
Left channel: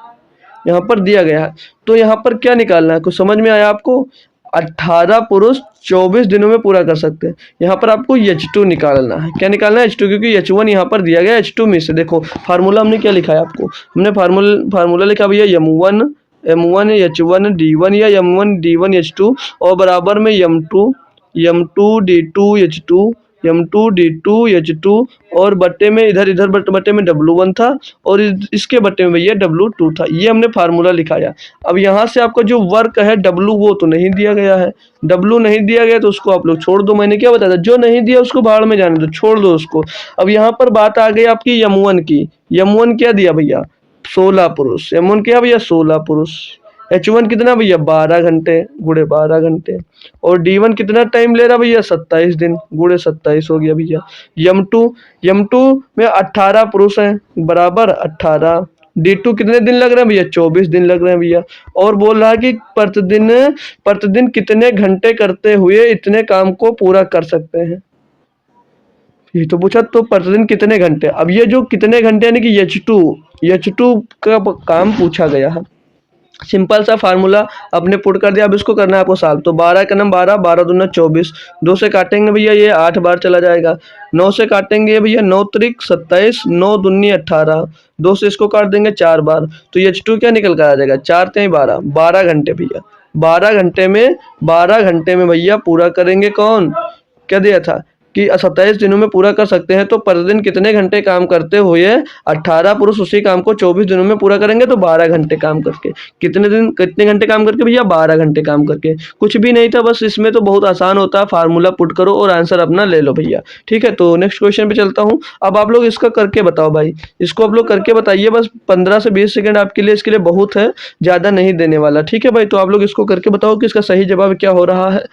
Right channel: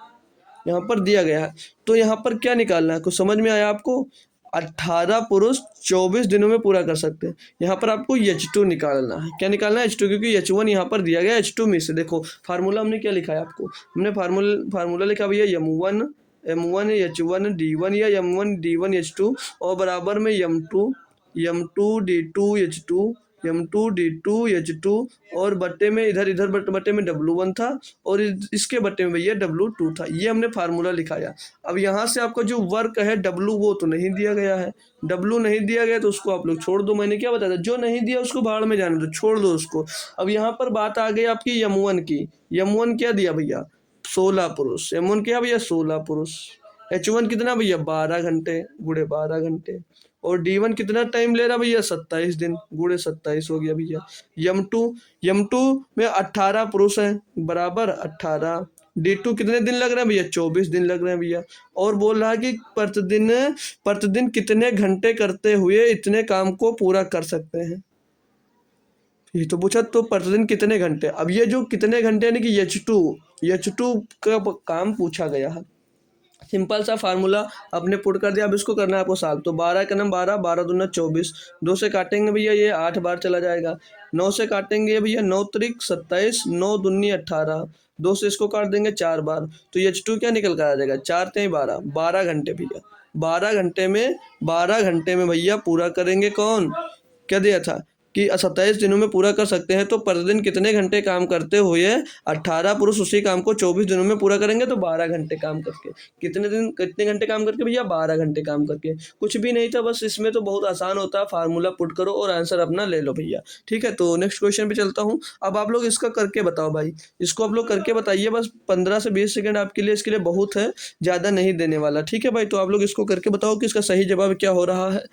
यहाँ पर दिया गया है। तो यहाँ पर क्या निकालना है, कुछ समझ में आया आपको? 18 पुरुष 24 दिनों में पूरा कर सकते हैं। यहाँ पर आपको H2 निकालना है। क्या निकालना है? H2, क्योंकि H1 यहाँ पर दिया गया H2 में से। देखो फार्मूला हमने क्या लिखा है आपको, हमने फार्मूला लिखा भैया M1 H1 D1 या M1 D1 H2 और बराबर में M2 D2 H2 M2 D2 H2 और बट्टे में इधर इधर बट्टे में W1 था और इसके बट्टे में भैया W2 था। ये हमने फार्मूला लिखाया। अब यहाँ से आपका जो वर्क है W वो तो नहीं दिया गया है, W नहीं दिया गया तो उसको आप लोग छोड़ दो। मैंने क्या बताया था, जो नहीं दिया उसको भाड़ में जाने दो, छोड़ दो उसको। अब यहाँ पर बात आ गई आपकी M1 की। M1 क्या दिया भैया? 16 पुरुष। M1 क्या भैया? 16 पुरुष। H1 कितना भैया? 12 घंटे गुणे 12 घंटे। और D1 कितना टाइम ले रहा भैया? 27 दिन गुणे 27 हो गया भैया। M2 में 18 पुरुष हैं बराबर 18। D2 कितने दिन लग रहे हैं भैया? 24 दिन लग रहे हैं भैया। और बोल रहा है कि प्रतिदिन कितने घंटे करते हुए इतने काम को पूरा कर सकते हैं, ये तो पूछा। तो प्रतिदिन कितने घंटे, अब ये जो कितने घंटे यानी कि H2 का काम पूछा गया है। सिंपल सा फार्मूला आपने पुट कर दिया। अब इसको करना है आपको सॉल्व। तो 12 का नाम 12, 12 दूना 24, 2 से काटेंगे भैया ये 8 बार चला जाएगा। 9 से काटेंगे भैया 9 त्रिक 27, 9 दूनी 18, 2 से इसको काट देंगे 4 बार। तो H2 क्या निकल कर आ जाएगा? 4 3 12, 12 घंटे भैया। 12 घंटे में भैया पूरा करेंगे कौन? क्या दिया था कि 27 दिनों में पूरा कर सकते हैं। तो प्रतिदिन कितने घंटे काम करते हुए 18 पुरुष उसी काम को 24 दिनों में पूरा करेंगे? तो 12 घंटे काम करके। कितने घंटे काम करके भैया? 12 घंटे काम करके। कुछ भी नहीं था, बस इसमें तो बहुत आसान होता है, फार्मूला पुट करो और आंसर अपना ले लो भैया। ठीक है, तो नेक्स्ट क्वेश्चन पे चलता हूँ। अब आप लोग इसका करके बताओ भाई, इसको आप लोग करके बताइए। बस 15 से 20 सेकंड आपके लिए, इसके लिए बहुत है, ज़्यादा नहीं देने वाला। ठीक है भाई, तो आप लोग इसको करके बताओ कि इसका सही जवाब क्या हो रहा है,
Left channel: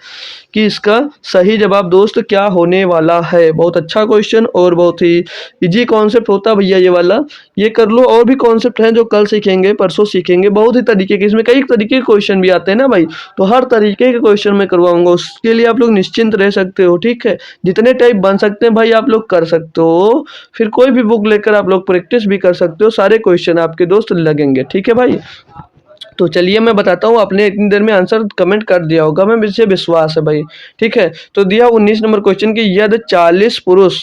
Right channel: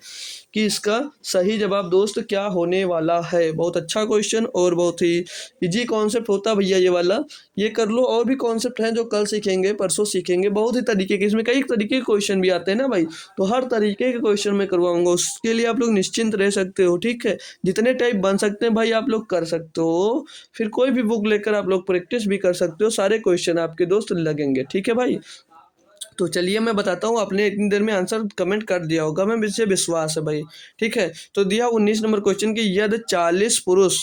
कि इसका सही जवाब दोस्त क्या होने वाला है। बहुत अच्छा क्वेश्चन और बहुत ही इजी कॉन्सेप्ट होता है भैया ये वाला, ये कर लो। और भी कॉन्सेप्ट हैं जो कल सीखेंगे, परसों सीखेंगे, बहुत ही तरीके के, इसमें कई तरीके के क्वेश्चन भी आते हैं ना भाई, तो हर तरीके के क्वेश्चन मैं करवाऊंगा। उसके लिए आप लोग निश्चिंत रह सकते हो। ठीक है, जितने टाइप बन सकते हैं भाई आप लोग कर सकते हो। फिर कोई भी बुक लेकर आप लोग प्रैक्टिस भी कर सकते हो, सारे क्वेश्चन आपके दोस्त लगेंगे। ठीक है भाई, तो चलिए मैं बताता हूँ। आपने इतनी देर में आंसर कमेंट कर दिया होगा, मैं मुझे विश्वास है भाई। ठीक है, तो दिया 19 नंबर क्वेश्चन की, यदि 40 पुरुष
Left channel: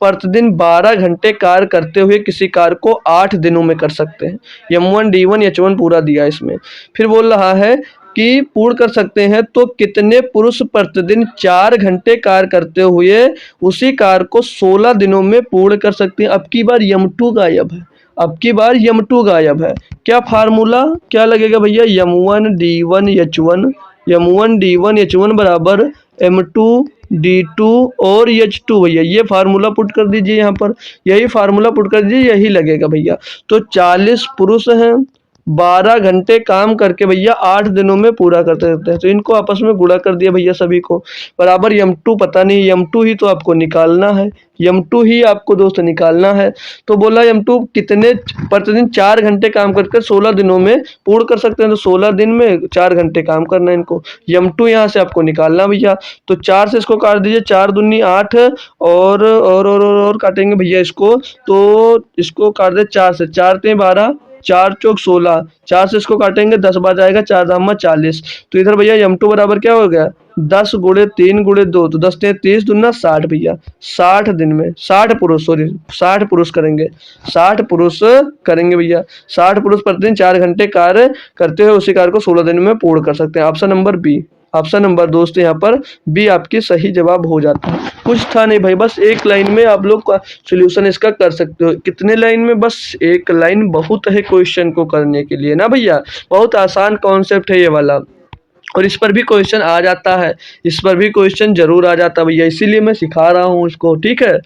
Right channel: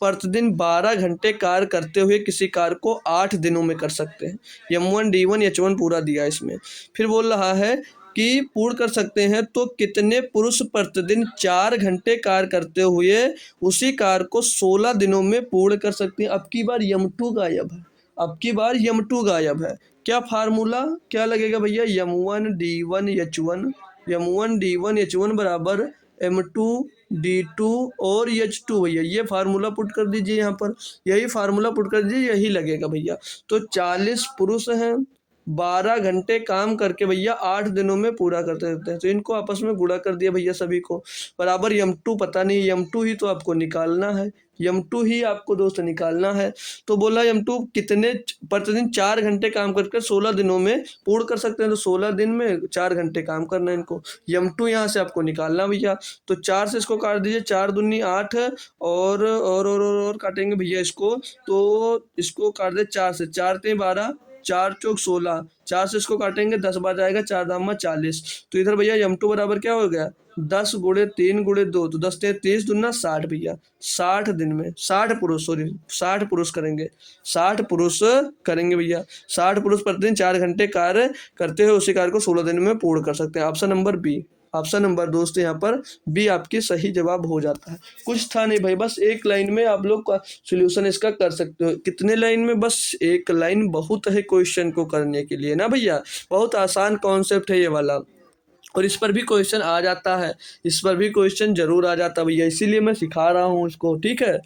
प्रतिदिन 12 घंटे कार्य करते हुए किसी कार्य को 8 दिनों में कर सकते हैं। M1 D1 H1 पूरा दिया इसमें। फिर बोल रहा है कि पूर्ण कर सकते हैं तो कितने पुरुष प्रतिदिन 4 घंटे कार्य करते हुए उसी कार्य को 16 दिनों में पूर्ण कर सकते हैं। अब की बार M2 गायब है, अब की बार M2 गायब है। क्या फार्मूला क्या लगेगा भैया? M1 D1 H1 बराबर M2 D2 और H2 भैया। ये फार्मूला पुट कर दीजिए यहाँ पर, यही फार्मूला पुट कर दीजिए, यही लगेगा भैया। तो 40 पुरुष हैं, 12 घंटे काम करके भैया 8 दिनों में पूरा करते रहते हैं। तो इनको आपस में गुणा कर दिया भैया सभी को, बराबर M2 पता नहीं, M2 ही तो आपको निकालना है, M2 ही आपको दोस्त निकालना है। तो बोला M2 कितने प्रतिदिन 4 घंटे काम करके 16 दिनों में पूर्ण कर सकते हैं। तो 16 दिन में 4 घंटे काम करना है इनको। M2 यहाँ से आपको निकालना भैया। तो 4 से इसको काट दीजिए, 4 दूनी 8 और काटेंगे भैया इसको। तो इसको काट दे 4 से, 4 ते 12, 4 चौक 16, 4 से इसको काटेंगे 10 बार जाएगा, 4 दाम 40। तो इधर भैया M2 बराबर क्या हो गया? 10 गुणे 3 गुणे 2, तो 10 30 दूना 60 भैया। 60 दिन में 60 पुरुष, सॉरी 60 पुरुष करेंगे, 60 पुरुष करेंगे भैया। 60 पुरुष प्रतिदिन 4 घंटे कार्य करते हुए उसी कार्य को 16 दिन में पूर्ण कर सकते हैं। Option number B, option number दोस्त यहाँ पर बी आपकी सही जवाब हो जाता है। कुछ था नहीं भाई, बस एक लाइन में आप लोग का सोल्यूशन इसका कर सकते हो। कितने लाइन में? बस एक लाइन बहुत है क्वेश्चन को करने के लिए ना भैया। बहुत आसान कॉन्सेप्ट है ये वाला, और इस पर भी क्वेश्चन आ जाता है, इस पर भी क्वेश्चन जरूर आ जाता है भैया, इसीलिए मैं सिखा रहा हूँ इसको। ठीक है,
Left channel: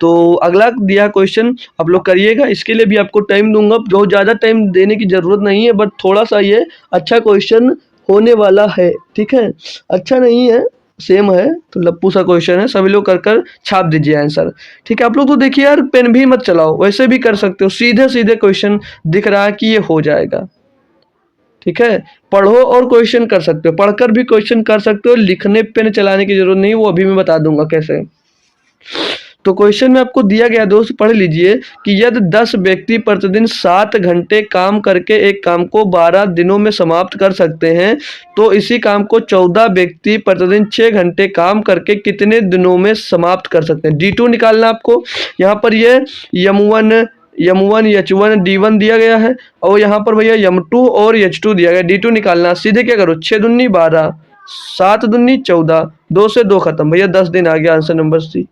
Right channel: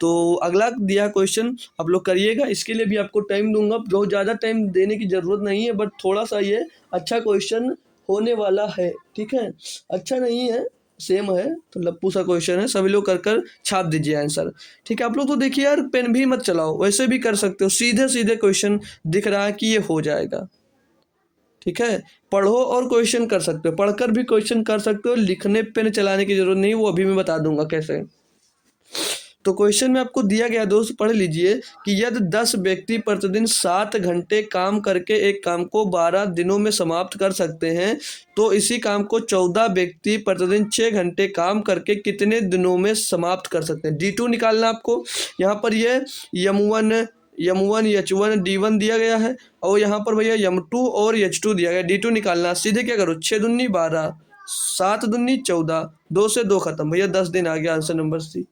तो अगला दिया क्वेश्चन आप लोग करिएगा। इसके लिए भी आपको टाइम दूंगा, बहुत ज़्यादा टाइम देने की ज़रूरत नहीं है, बट थोड़ा सा ये अच्छा क्वेश्चन होने वाला है। ठीक है, अच्छा नहीं है, सेम है, तो लप्पू सा क्वेश्चन है, सभी लोग कर कर छाप दीजिए आंसर। ठीक है, आप लोग तो देखिए यार, पेन भी मत चलाओ, वैसे भी कर सकते हो, सीधे सीधे क्वेश्चन दिख रहा है कि ये हो जाएगा। ठीक है, पढ़ो और क्वेश्चन कर सकते हो, पढ़कर भी क्वेश्चन कर सकते हो, लिखने पेन चलाने की जरूरत नहीं, वो अभी मैं बता दूंगा कैसे। तो क्वेश्चन में आपको दिया गया दोस्त, पढ़ लीजिए कि यदि 10 व्यक्ति प्रतिदिन 7 घंटे काम करके एक काम को 12 दिनों में समाप्त कर सकते हैं, तो इसी काम को 14 व्यक्ति प्रतिदिन 6 घंटे काम करके कितने दिनों में समाप्त कर सकते हैं। D2 निकालना आपको। यहाँ पर ये M1 H1 D1 दिया गया है और यहाँ पर भैया M2 और H2 दिया गया। D2 निकालना, सीधे क्या करो, 6 दूनी 12, 7 दूनी 14, 2 से 2 खत्म भैया, 10 दिन आ गया। Answer number C,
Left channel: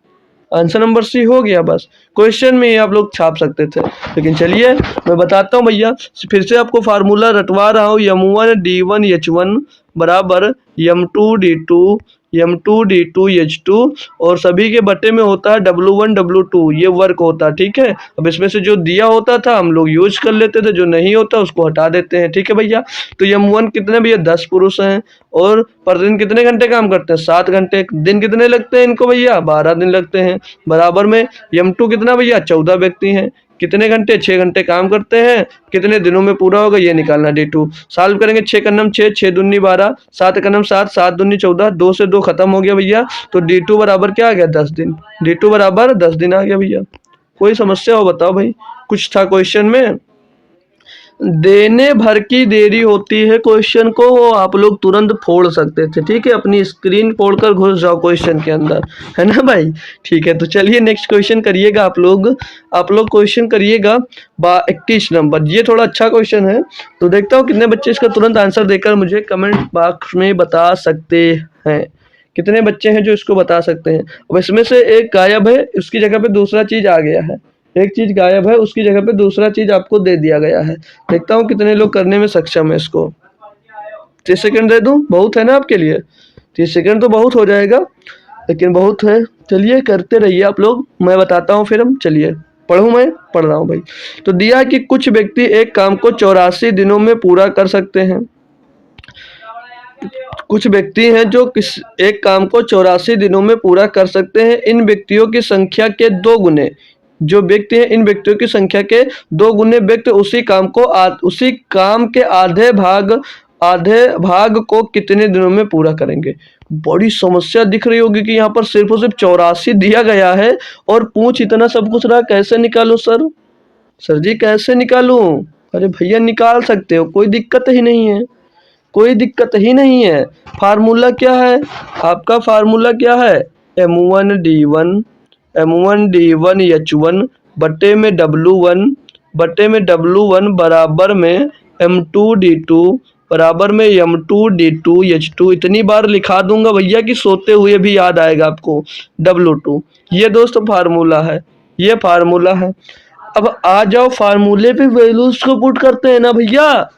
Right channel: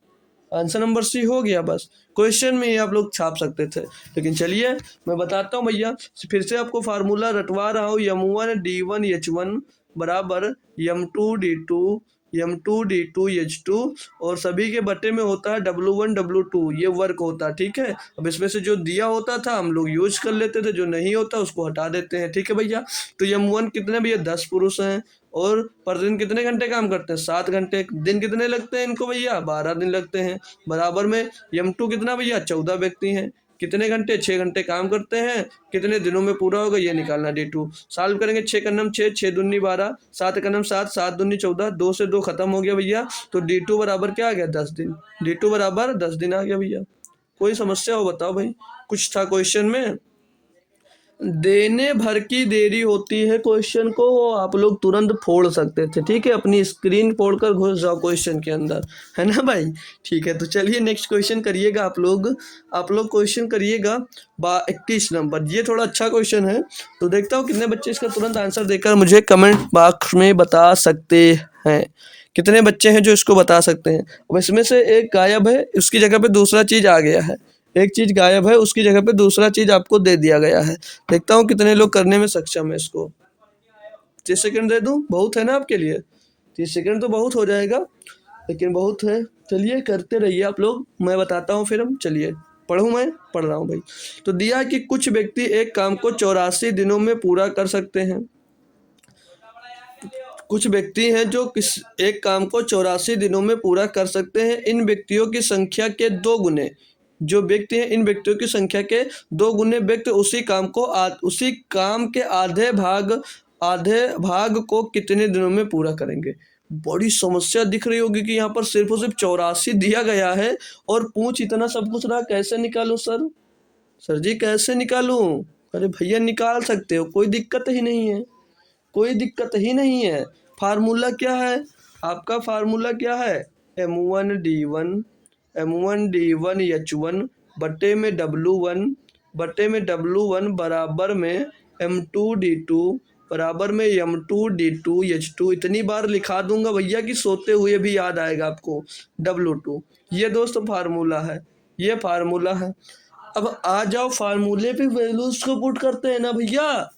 answer number C हो गया। बस क्वेश्चन में ये आप लोग छाप सकते थे, लेकिन चलिए मैं बताता हूँ भैया, फिर से आपको फार्मूला रटवा रहा हूँ। M1 D1 H1 बराबर M2 D2 M2 D2 H2 और सभी के बटे में होता है W1 W2, ये वर्क होता है, ठीक है। अब इसमें से जो दिया होता था हम लोग यूज कर लेते थे, जो नहीं होता उसको हटा देते हैं, ठीक है भैया। तो M1 कितने भैया, 10 पुरुष हैं और प्रतिदिन कितने घंटे काम करते हैं, 7 घंटे। दिन कितने लगते हैं इनको भैया, 12 दिन लगते हैं। बराबर में M2 कितना भैया, 14 व्यक्ति हैं, कितने घंटे, 6 घंटे काम करते हैं, कितने दिनों में पूरा होगा ये निकालना। D2 सॉल्व करेंगे, 6 का नम 6, 6 दूनी 12, 7 का नम 7, 7 दूनी 14, 2 से 2 खत्म हो गया भैया। तो D2 बराबर क्या आ गया, 10 दिन। D2 बराबर 10 दिन आ गया भैया। कोई समस्या हो बताओ भाई, कुछ था क्वेश्चन में। देने भर की देरी होती है क्वेश्चन को, वो आप लोग तुरंत फोड़ सकते थे, ठीक है। अपनी स्क्रीन फोड़कर घुस जाओ क्वेश्चन के अंदर, है ना भाई, ठीक है। तो चलिए नेक्स्ट क्वेश्चन करिएगा आप लोग क्वेश्चन करिएगा 21 नंबर। ये थोड़ा अच्छा क्वेश्चन है, तो देखता हूँ कितने बच्चे इसका तुरंत आंसर देकर मुझे कमेंट बॉक्स में बता सकते हैं। कितने बच्चे हैं जो इसको बता सकते हैं। अब इसमें से एक गायब है, उसकी जगह पे दूसरा चीज़ आ गया है। एक चीज़ गायब है, उसकी जगह पे दूसरा चीज़ आपको दे दिया गया है। देखता हूँ कितने लोग करने में सक्षम है इसको। 30 सेकंड दे दूँ, बहुत है ना आपके लिए। 30 सेकंड तो बहुत हो जाएगा, लेकिन बहुत है। चलिए करते रहिए आप लोग, मैं बताता हूँ फिर हम। चलिए पढ़ूँ, मैं पढ़ रहा हूँ भाई। तो दिया कि कुछ व्यक्ति एक काम को 84 दिनों में पूरा कर सकते हैं। कुछ व्यक्ति हैं जो एक काम को 84 दिनों में पूरा कर सकते हैं। इन व्यक्तियों की संख्या के 2 गुने, जो व्यक्ति हैं इन व्यक्तियों की संख्या के 2 गुने व्यक्ति उसी काम के आधे भाग को कितने दिनों में पूरा करेंगे। बड़ी समस्या दिख रही होगी कि यहाँ पर सिर्फ और सिर्फ 84 दिया गया है और पूछ इतना सब कुछ रहा, कैसे निकालूं सर जी कैसे निकालूं। अरे भैया निकाल सकते हो, कोई दिक्कत ही नहीं है, कोई दिक्कत ही नहीं है। फार्मूला क्या है आपका, फार्मूला क्या है, M1 D1 H1 बटे में W1 बराबर में M2 D2 बराबर में M2 D2 H2। इतनी बार लिखा दूंगा भैया कि सोते हुए भी याद आएगा आपको, W2। ये दोस्त फार्मूला है, ये फार्मूला है। अब आ जाओ फार्मूले पे वैल्यूज को पुट करते हैं ना भैया।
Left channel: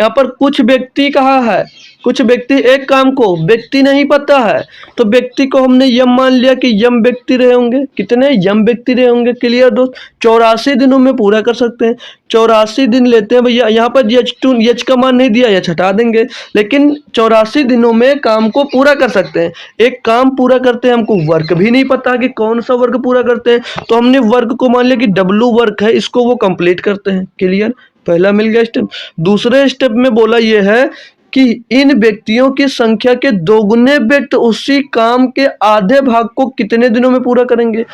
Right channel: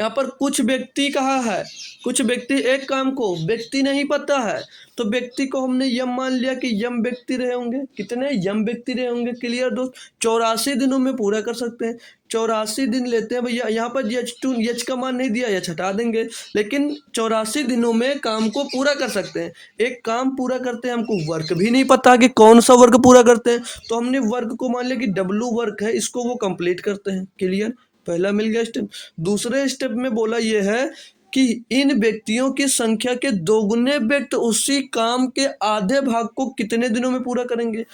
यहाँ पर कुछ व्यक्ति कहा है, कुछ व्यक्ति एक काम को, व्यक्ति नहीं पता है तो व्यक्ति को हमने यम मान लिया कि यम व्यक्ति रहे होंगे। कितने यम व्यक्ति रहे होंगे, क्लियर दोस्त। 84 दिनों में पूरा कर सकते हैं। 84 दिन लेते हैं भैया, यहाँ पर H का मान नहीं दिया, H हटा देंगे, लेकिन 84 दिनों में काम को पूरा कर सकते हैं। एक काम पूरा करते हैं, हमको वर्क भी नहीं पता कि कौन सा वर्क पूरा करते हैं, तो हमने वर्क को मान लिया कि W वर्क है, इसको वो कंप्लीट करते हैं, क्लियर। पहला मिल गया स्टेप। दूसरे स्टेप में बोला यह है कि इन व्यक्तियों की संख्या के 2 गुने व्यक्ति उसी काम के आधे भाग को कितने दिनों में पूरा करेंगे।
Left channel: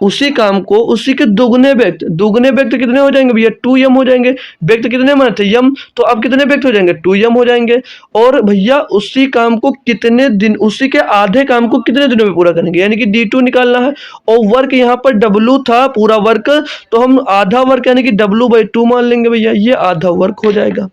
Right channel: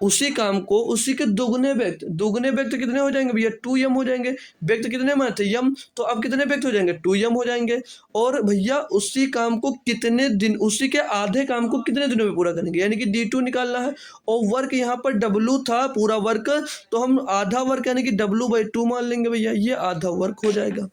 उसी काम को उसी के 2 गुने व्यक्ति कितने हो जाएंगे भैया, 2m हो जाएंगे। व्यक्ति कितने माने थे, यम, तो अब कितने व्यक्ति हो जाएंगे, 2m हो जाएंगे। और भैया उसी काम को कितने दिन, उसी के आधे काम को कितने दिनों में पूरा करेंगे, यानी कि D2 निकालना है। और वर्क यहाँ पर W था, पूरा वर्क, तो हम आधा वर्क यानी कि W/2 मान लेंगे भैया, ये आधा वर्क हो जाएगा।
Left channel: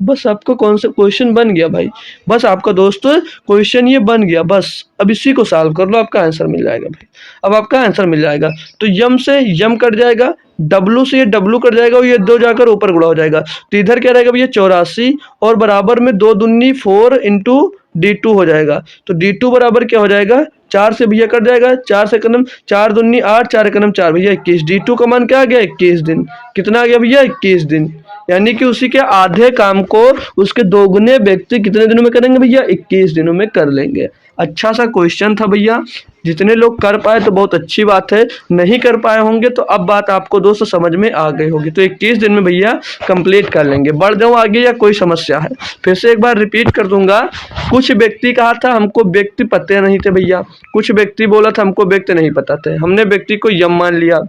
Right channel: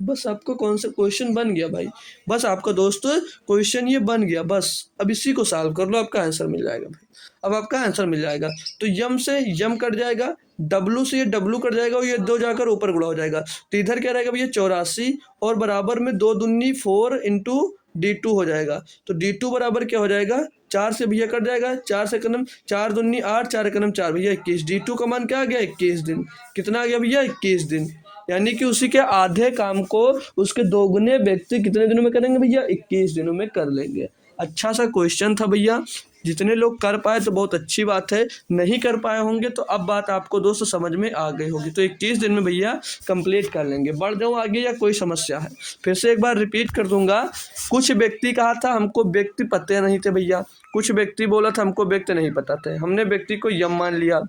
बस आपका कौन सा क्वेश्चन बन गया भाई, बस आपका दोस्त क्वेश्चन ये बन गया। बस अब इसी को सॉल्व कर लो, आपका आंसर मिल जाएगा भाई। अब आपका आंसर मिल जाएगा। तो यम से यम कट जाएगा, W से ये W कट जाएगा और ये 2 जाकर ऊपर गुणा हो जाएगा। तो इधर क्या रहेगा भैया, 84 और बराबर में 2 दूनी 4 इंटू D2 हो जाएगा। तो D2 बराबर क्या हो जाएगा, 4 से भैया कट जाएगा, 4 से कदम 4 दूनी 8, 4 कदम 4 भैया 21। D2 का मान क्या आ गया, 21 दिन। कितना आ गया भैया, 21 दिन। यानी कि उसी के आधे काम को उसके 2 गुने व्यक्ति कितने दिनों में करेंगे भैया, 21 दिनों में कर लेंगे। अच्छा सा क्वेश्चन था भैया, जितने लोग कर पाए तो बहुत अच्छी बात है, नहीं कर पाए होंगे तो अब बात आपको दोस्त समझ में आ गई होगी। तो 21 दिन में भैया कंप्लीट कर लेंगे। बढ़ जाऊँ आगे या कोई समस्या है, फिर से एक बार रिपीट कर दूंगा कुछ व्यक्ति कहा था हमको व्यक्ति पते नहीं थे भैया, कुछ व्यक्ति बोला था हमको व्यक्ति नहीं पता थे, हमने व्यक्ति को यम मान लिया।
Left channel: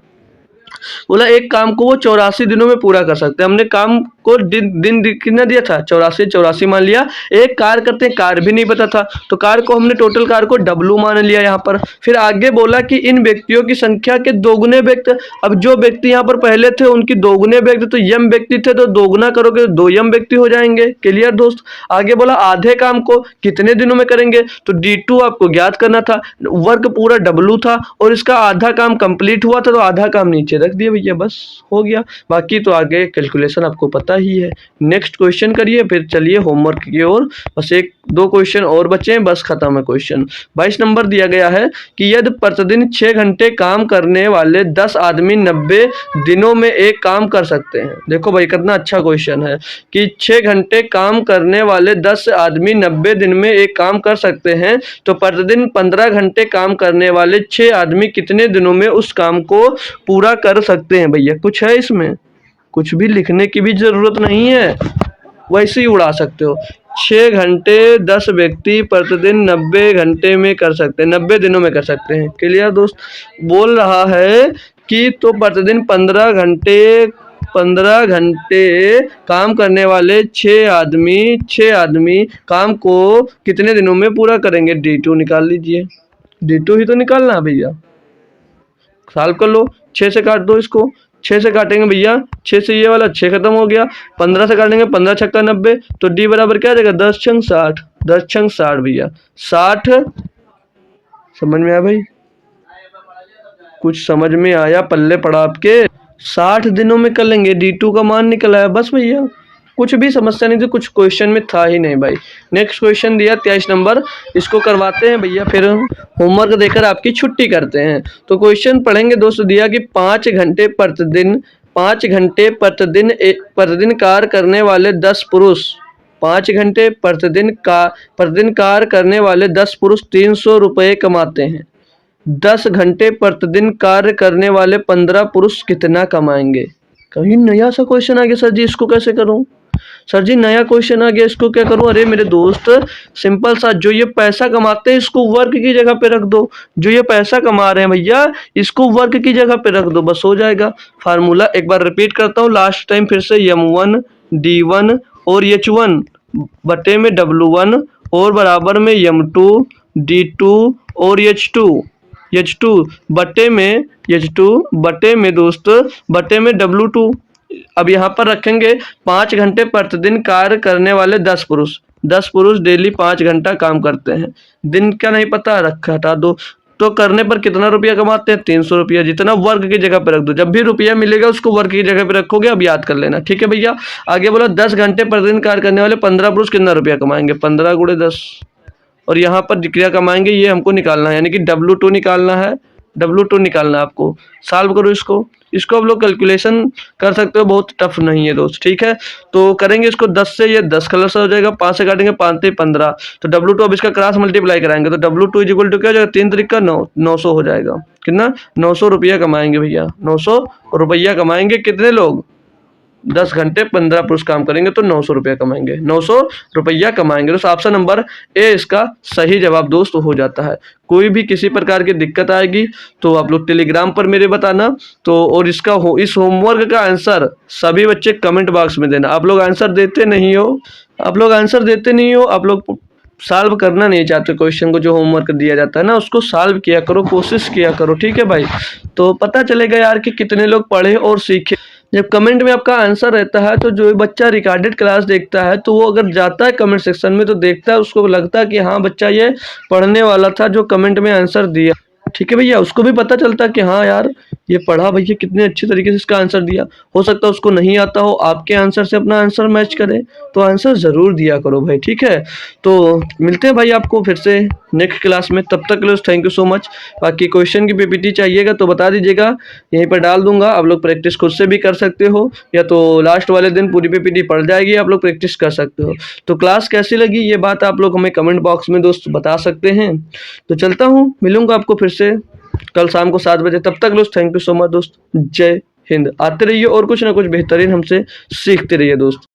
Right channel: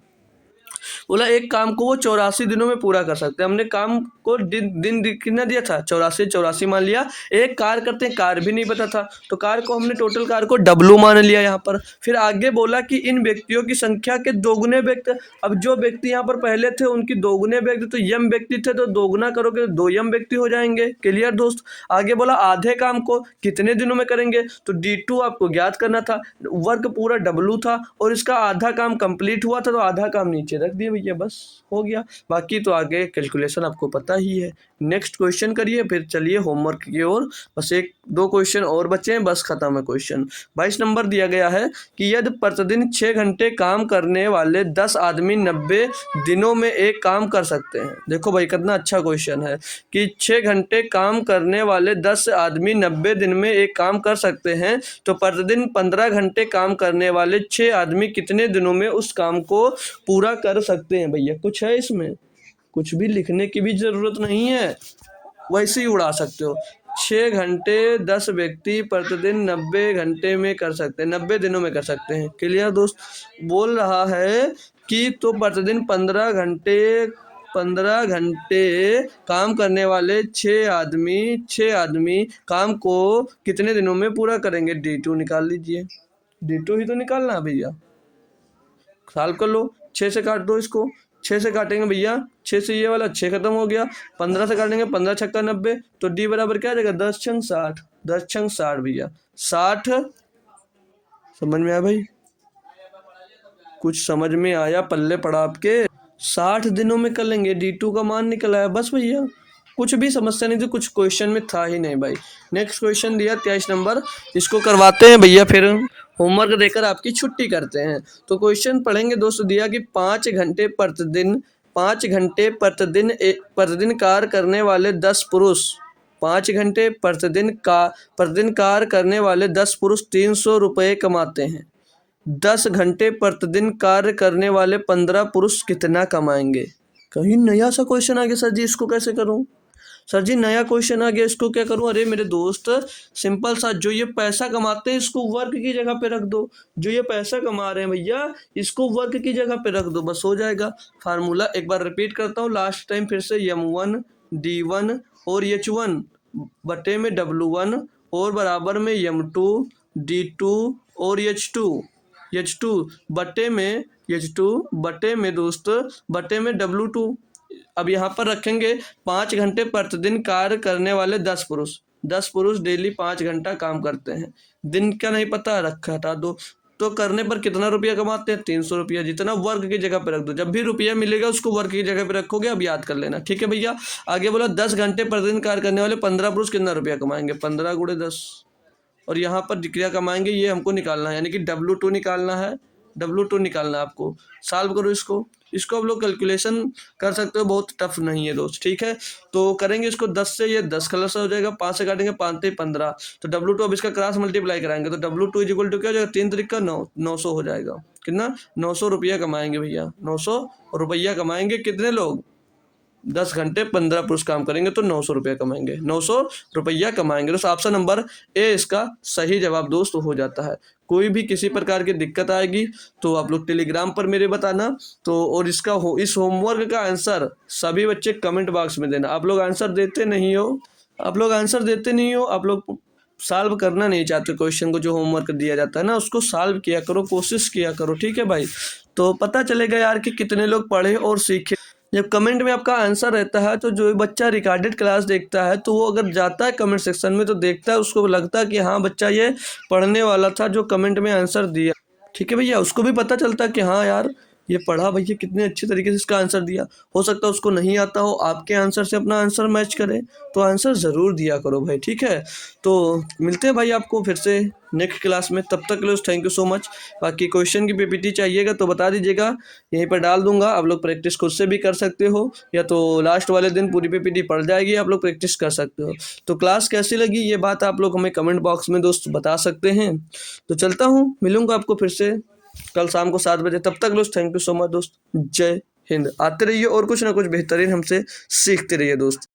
बोला एक काम को वो 84 दिनों में पूरा कर सकते हैं, हमने काम को दिन कितना दिया था 84 मान लिया। एक कार करते हैं, कार भी नहीं पता था, तो कार को हमने टोटल कार को डब्लू मान लिया यहाँ पर। फिर आगे बोला कि इन व्यक्तियों की संख्या के दोगुने व्यक्ति, अब जो व्यक्ति यहाँ पर पहले थे उनकी दोगुने व्यक्ति, तो यम व्यक्ति थे तो दोगुना करोगे तो 2 यम व्यक्ति हो जाएंगे। क्लियर दोस्त। आगे बोला आधे काम को कितने दिनों में करेंगे, तो D2 आपको ज्ञात करना था, वर्क पूरा डब्लू था और इसका आधा काम कंप्लीट हुआ था, तो आधा काम नीचे रख दिया भैया, बस हो गया। बाकी तो आगे कैलकुलेशन आपको पता ही है। नेक्स्ट क्वेश्चन करिए, फिर चलिए होमवर्क की ओर। बस 1-2 क्वेश्चन और बचे हैं, बस खत्म है क्वेश्चन। 22 नंबर दिया गया है कि यदि प्रतिदिन 6 घंटे काम करने वाले 10 आदमी 90 दिनों में एक काम कर सकते हैं। देखो भाई कितना अच्छा क्वेश्चन है कि 6 घंटे काम करने वाले 10 आदमी 90 दिन में एक काम कर सकते हैं, तो प्रतिदिन 15 घंटे काम करने वाले 6 आदमी कितने दिनों में उस काम को पूरा कर सकते हैं। भैया कुछ है इसमें, कुछ भी लिखने की भी जरूरत नहीं है, वैसे ही उड़ा सकते हो। 6 घंटे 10 व्यक्ति प्रतिदिन 90 घंटे में कर सकते हैं, 90 दिनों में कर सकते हैं। क्लियर दोस्त। बोल रहा है कि तो प्रतिदिन 15 घंटे काम करने वाले 6 आदमी काम को कितने दिनों में पूरा करेंगे। D2 निकाल लीजिए, D2 ही तो निकालना है भैया, सॉल्व कर लो। 6 से काट दो इसको, 6 से काटेंगे भैया, 6 से ये वाला 6 खत्म हो गया। 15 से काटेंगे, 15 छक्का 90, तो D बराबर क्या आ जाएगा 10 छंग 60, 10 छंग 60 भैया 60। समझ में आया भाई, कुछ समझ में आया, पल्ले पड़ा आपके। 60 दिनों में कर लेंगे, D2 का मान निकल आया बस भैया, कुछ भी समस्या नहीं थी, कुछ क्वेश्चन में था ही नहीं भाई। नेक्स्ट क्वेश्चन दिया 23 नंबर, इसको करवाते हैं भैया, फिर होमवर्क देकर आपकी छुट्टी करते हैं। तो क्वेश्चन पढ़ेंगे दोस्तों, दिया कि 5 घंटे प्रतिदिन कार्य करने वाले 10 पुरुष, 5 घंटे प्रतिदिन कार्य करने वाले 10 पुरुष 300 रुपये कमाते हैं। 10 घंटे प्रतिदिन कार्य करने वाले 15 पुरुष कितना कमाएंगे। कहीं नया सा क्वेश्चन आ गया सर जी, इसको कैसे करूं। सर जी नया क्वेश्चन आ गया, इसको क्या करूं। अरे मेरे दोस्त सिंपल सा, जो ये पैसा कमाते हैं इसको वर्क की जगह पे रख दो, जो ये पैसा कमा रहे हैं भैया इसको वर्क की जगह पे रख दो, बस हो जाएगा। फार्मूला एक बार रिपीट करता हूँ लास्ट टाइम फिर से, M1 D1 और H1 बटे में W1 और बराबर में M2 D2 और H2 बटे में दोस्त बटे में W2। अब यहाँ पर रखेंगे 5 घंटे प्रतिदिन कार्य करने वाले 10 पुरुष डेली 5 घंटा काम करते हैं। दिन का नहीं पता, रखा हटा दो, तो करने पर कितना रुपया कमाते हैं 300 रुपया, जितना वर्ग की जगह पे रख दो, जब भी रुपया मिलेगा उसको वर्ग की जगह पे रखोगे, अब याद कर लेना, ठीक है भैया। आगे बोला 10 घंटे प्रतिदिन कार्य करने वाले 15 पुरुष कितना रुपया कमाएंगे, 15 गुणे 10, और यहाँ पर जिक्रिया कमाएंगे, ये हमको निकालना है, यानी कि W2 निकालना है, W2 निकालना है आपको। सॉल्व करो इसको आप लोग कैलकुलेशन कर सकते हो, बहुत टफ नहीं है दोस्त, ठीक है। तो करेंगे इसको 10 से, ये 10 कलर से हो जाएगा, 5 से काटेंगे 5 से 15, तो W2 अब इसका क्रॉस मल्टीप्लाई कराएंगे तो W2 इक्वल टू क्या हो जाएगा 3 तरीका 900 हो जाएगा। कितना 900 रुपया कमाएंगे भैया, 900 रुपया कमाएंगे कितने लोग, 10 घंटे 15 पुरुष काम करेंगे तो 900 रुपया कमाएंगे, 900 रुपया कमाएंगे। तो ऑप्शन नंबर ए इसका सही जवाब दोस्त हो जाता है। कोई भी किसी प्रकार की दिक्कत आएगी तो आप लोग टेलीग्राम पर मेरे बताना, तो और इस होमवर्क का आंसर सभी बच्चे कमेंट बॉक्स में देना। आप लोग आंसर देते नहीं हो, आप लोग सॉल्व करना नहीं चाहते क्वेश्चन को, जो होमवर्क दिया जाता है ना उसको सॉल्व किया करो, कोशिश किया करो, ठीक है भाई। तो पता चलेगा यार कि कितने लोग पढ़े और सीखे। जब कमेंट में आपका आंसर रहता है तो जो बच्चा रिकॉर्डेड क्लास देखता है तो वो अगर जाता है कमेंट सेक्शन में तो देखता है, उसको लगता है कि हाँ बच्चा ये पढ़ने वाला था जो कमेंट में आंसर दिया, ठीक है भैया। उसको भी पता चलता है कि हाँ यार ये पढ़ा भैया, कितने अच्छे तरीके से इसका आंसर दिया। हो सकता है उसको नहीं आता हो, आपके आंसर से अपना आंसर मैच करे, तो आंसर ज़रूर दिया करो भाई, ठीक है। तो मिलते हैं भाई आपको फिर से नेक्स्ट क्लास में, तब तक के लिए थैंक यू सो मच। बाकी क्वेश्चन की PPT चाहिएगा तो बता दीजिएगा, यहीं पर डाल दूंगा, आप लोग प्रैक्टिस खुद से भी कर सकते हो, या तो लास्ट वाले दिन पूरी PPT पढ़ जाएगी, आप लोग प्रैक्टिस कर सकते हो। तो क्लास कैसी लगी ये बात आप लोग हमें कमेंट बॉक्स में दोस्त बता सकते हैं। तो चलता हूँ, मिलूंगा आपको फिर से कल शाम को 7 बजे, तब तक दोस्त थैंक यू सो मच दोस्त, जय हिंद। आते रहिए और कुछ ना कुछ बेहतरीन हमसे सीखते रहिए दोस्त।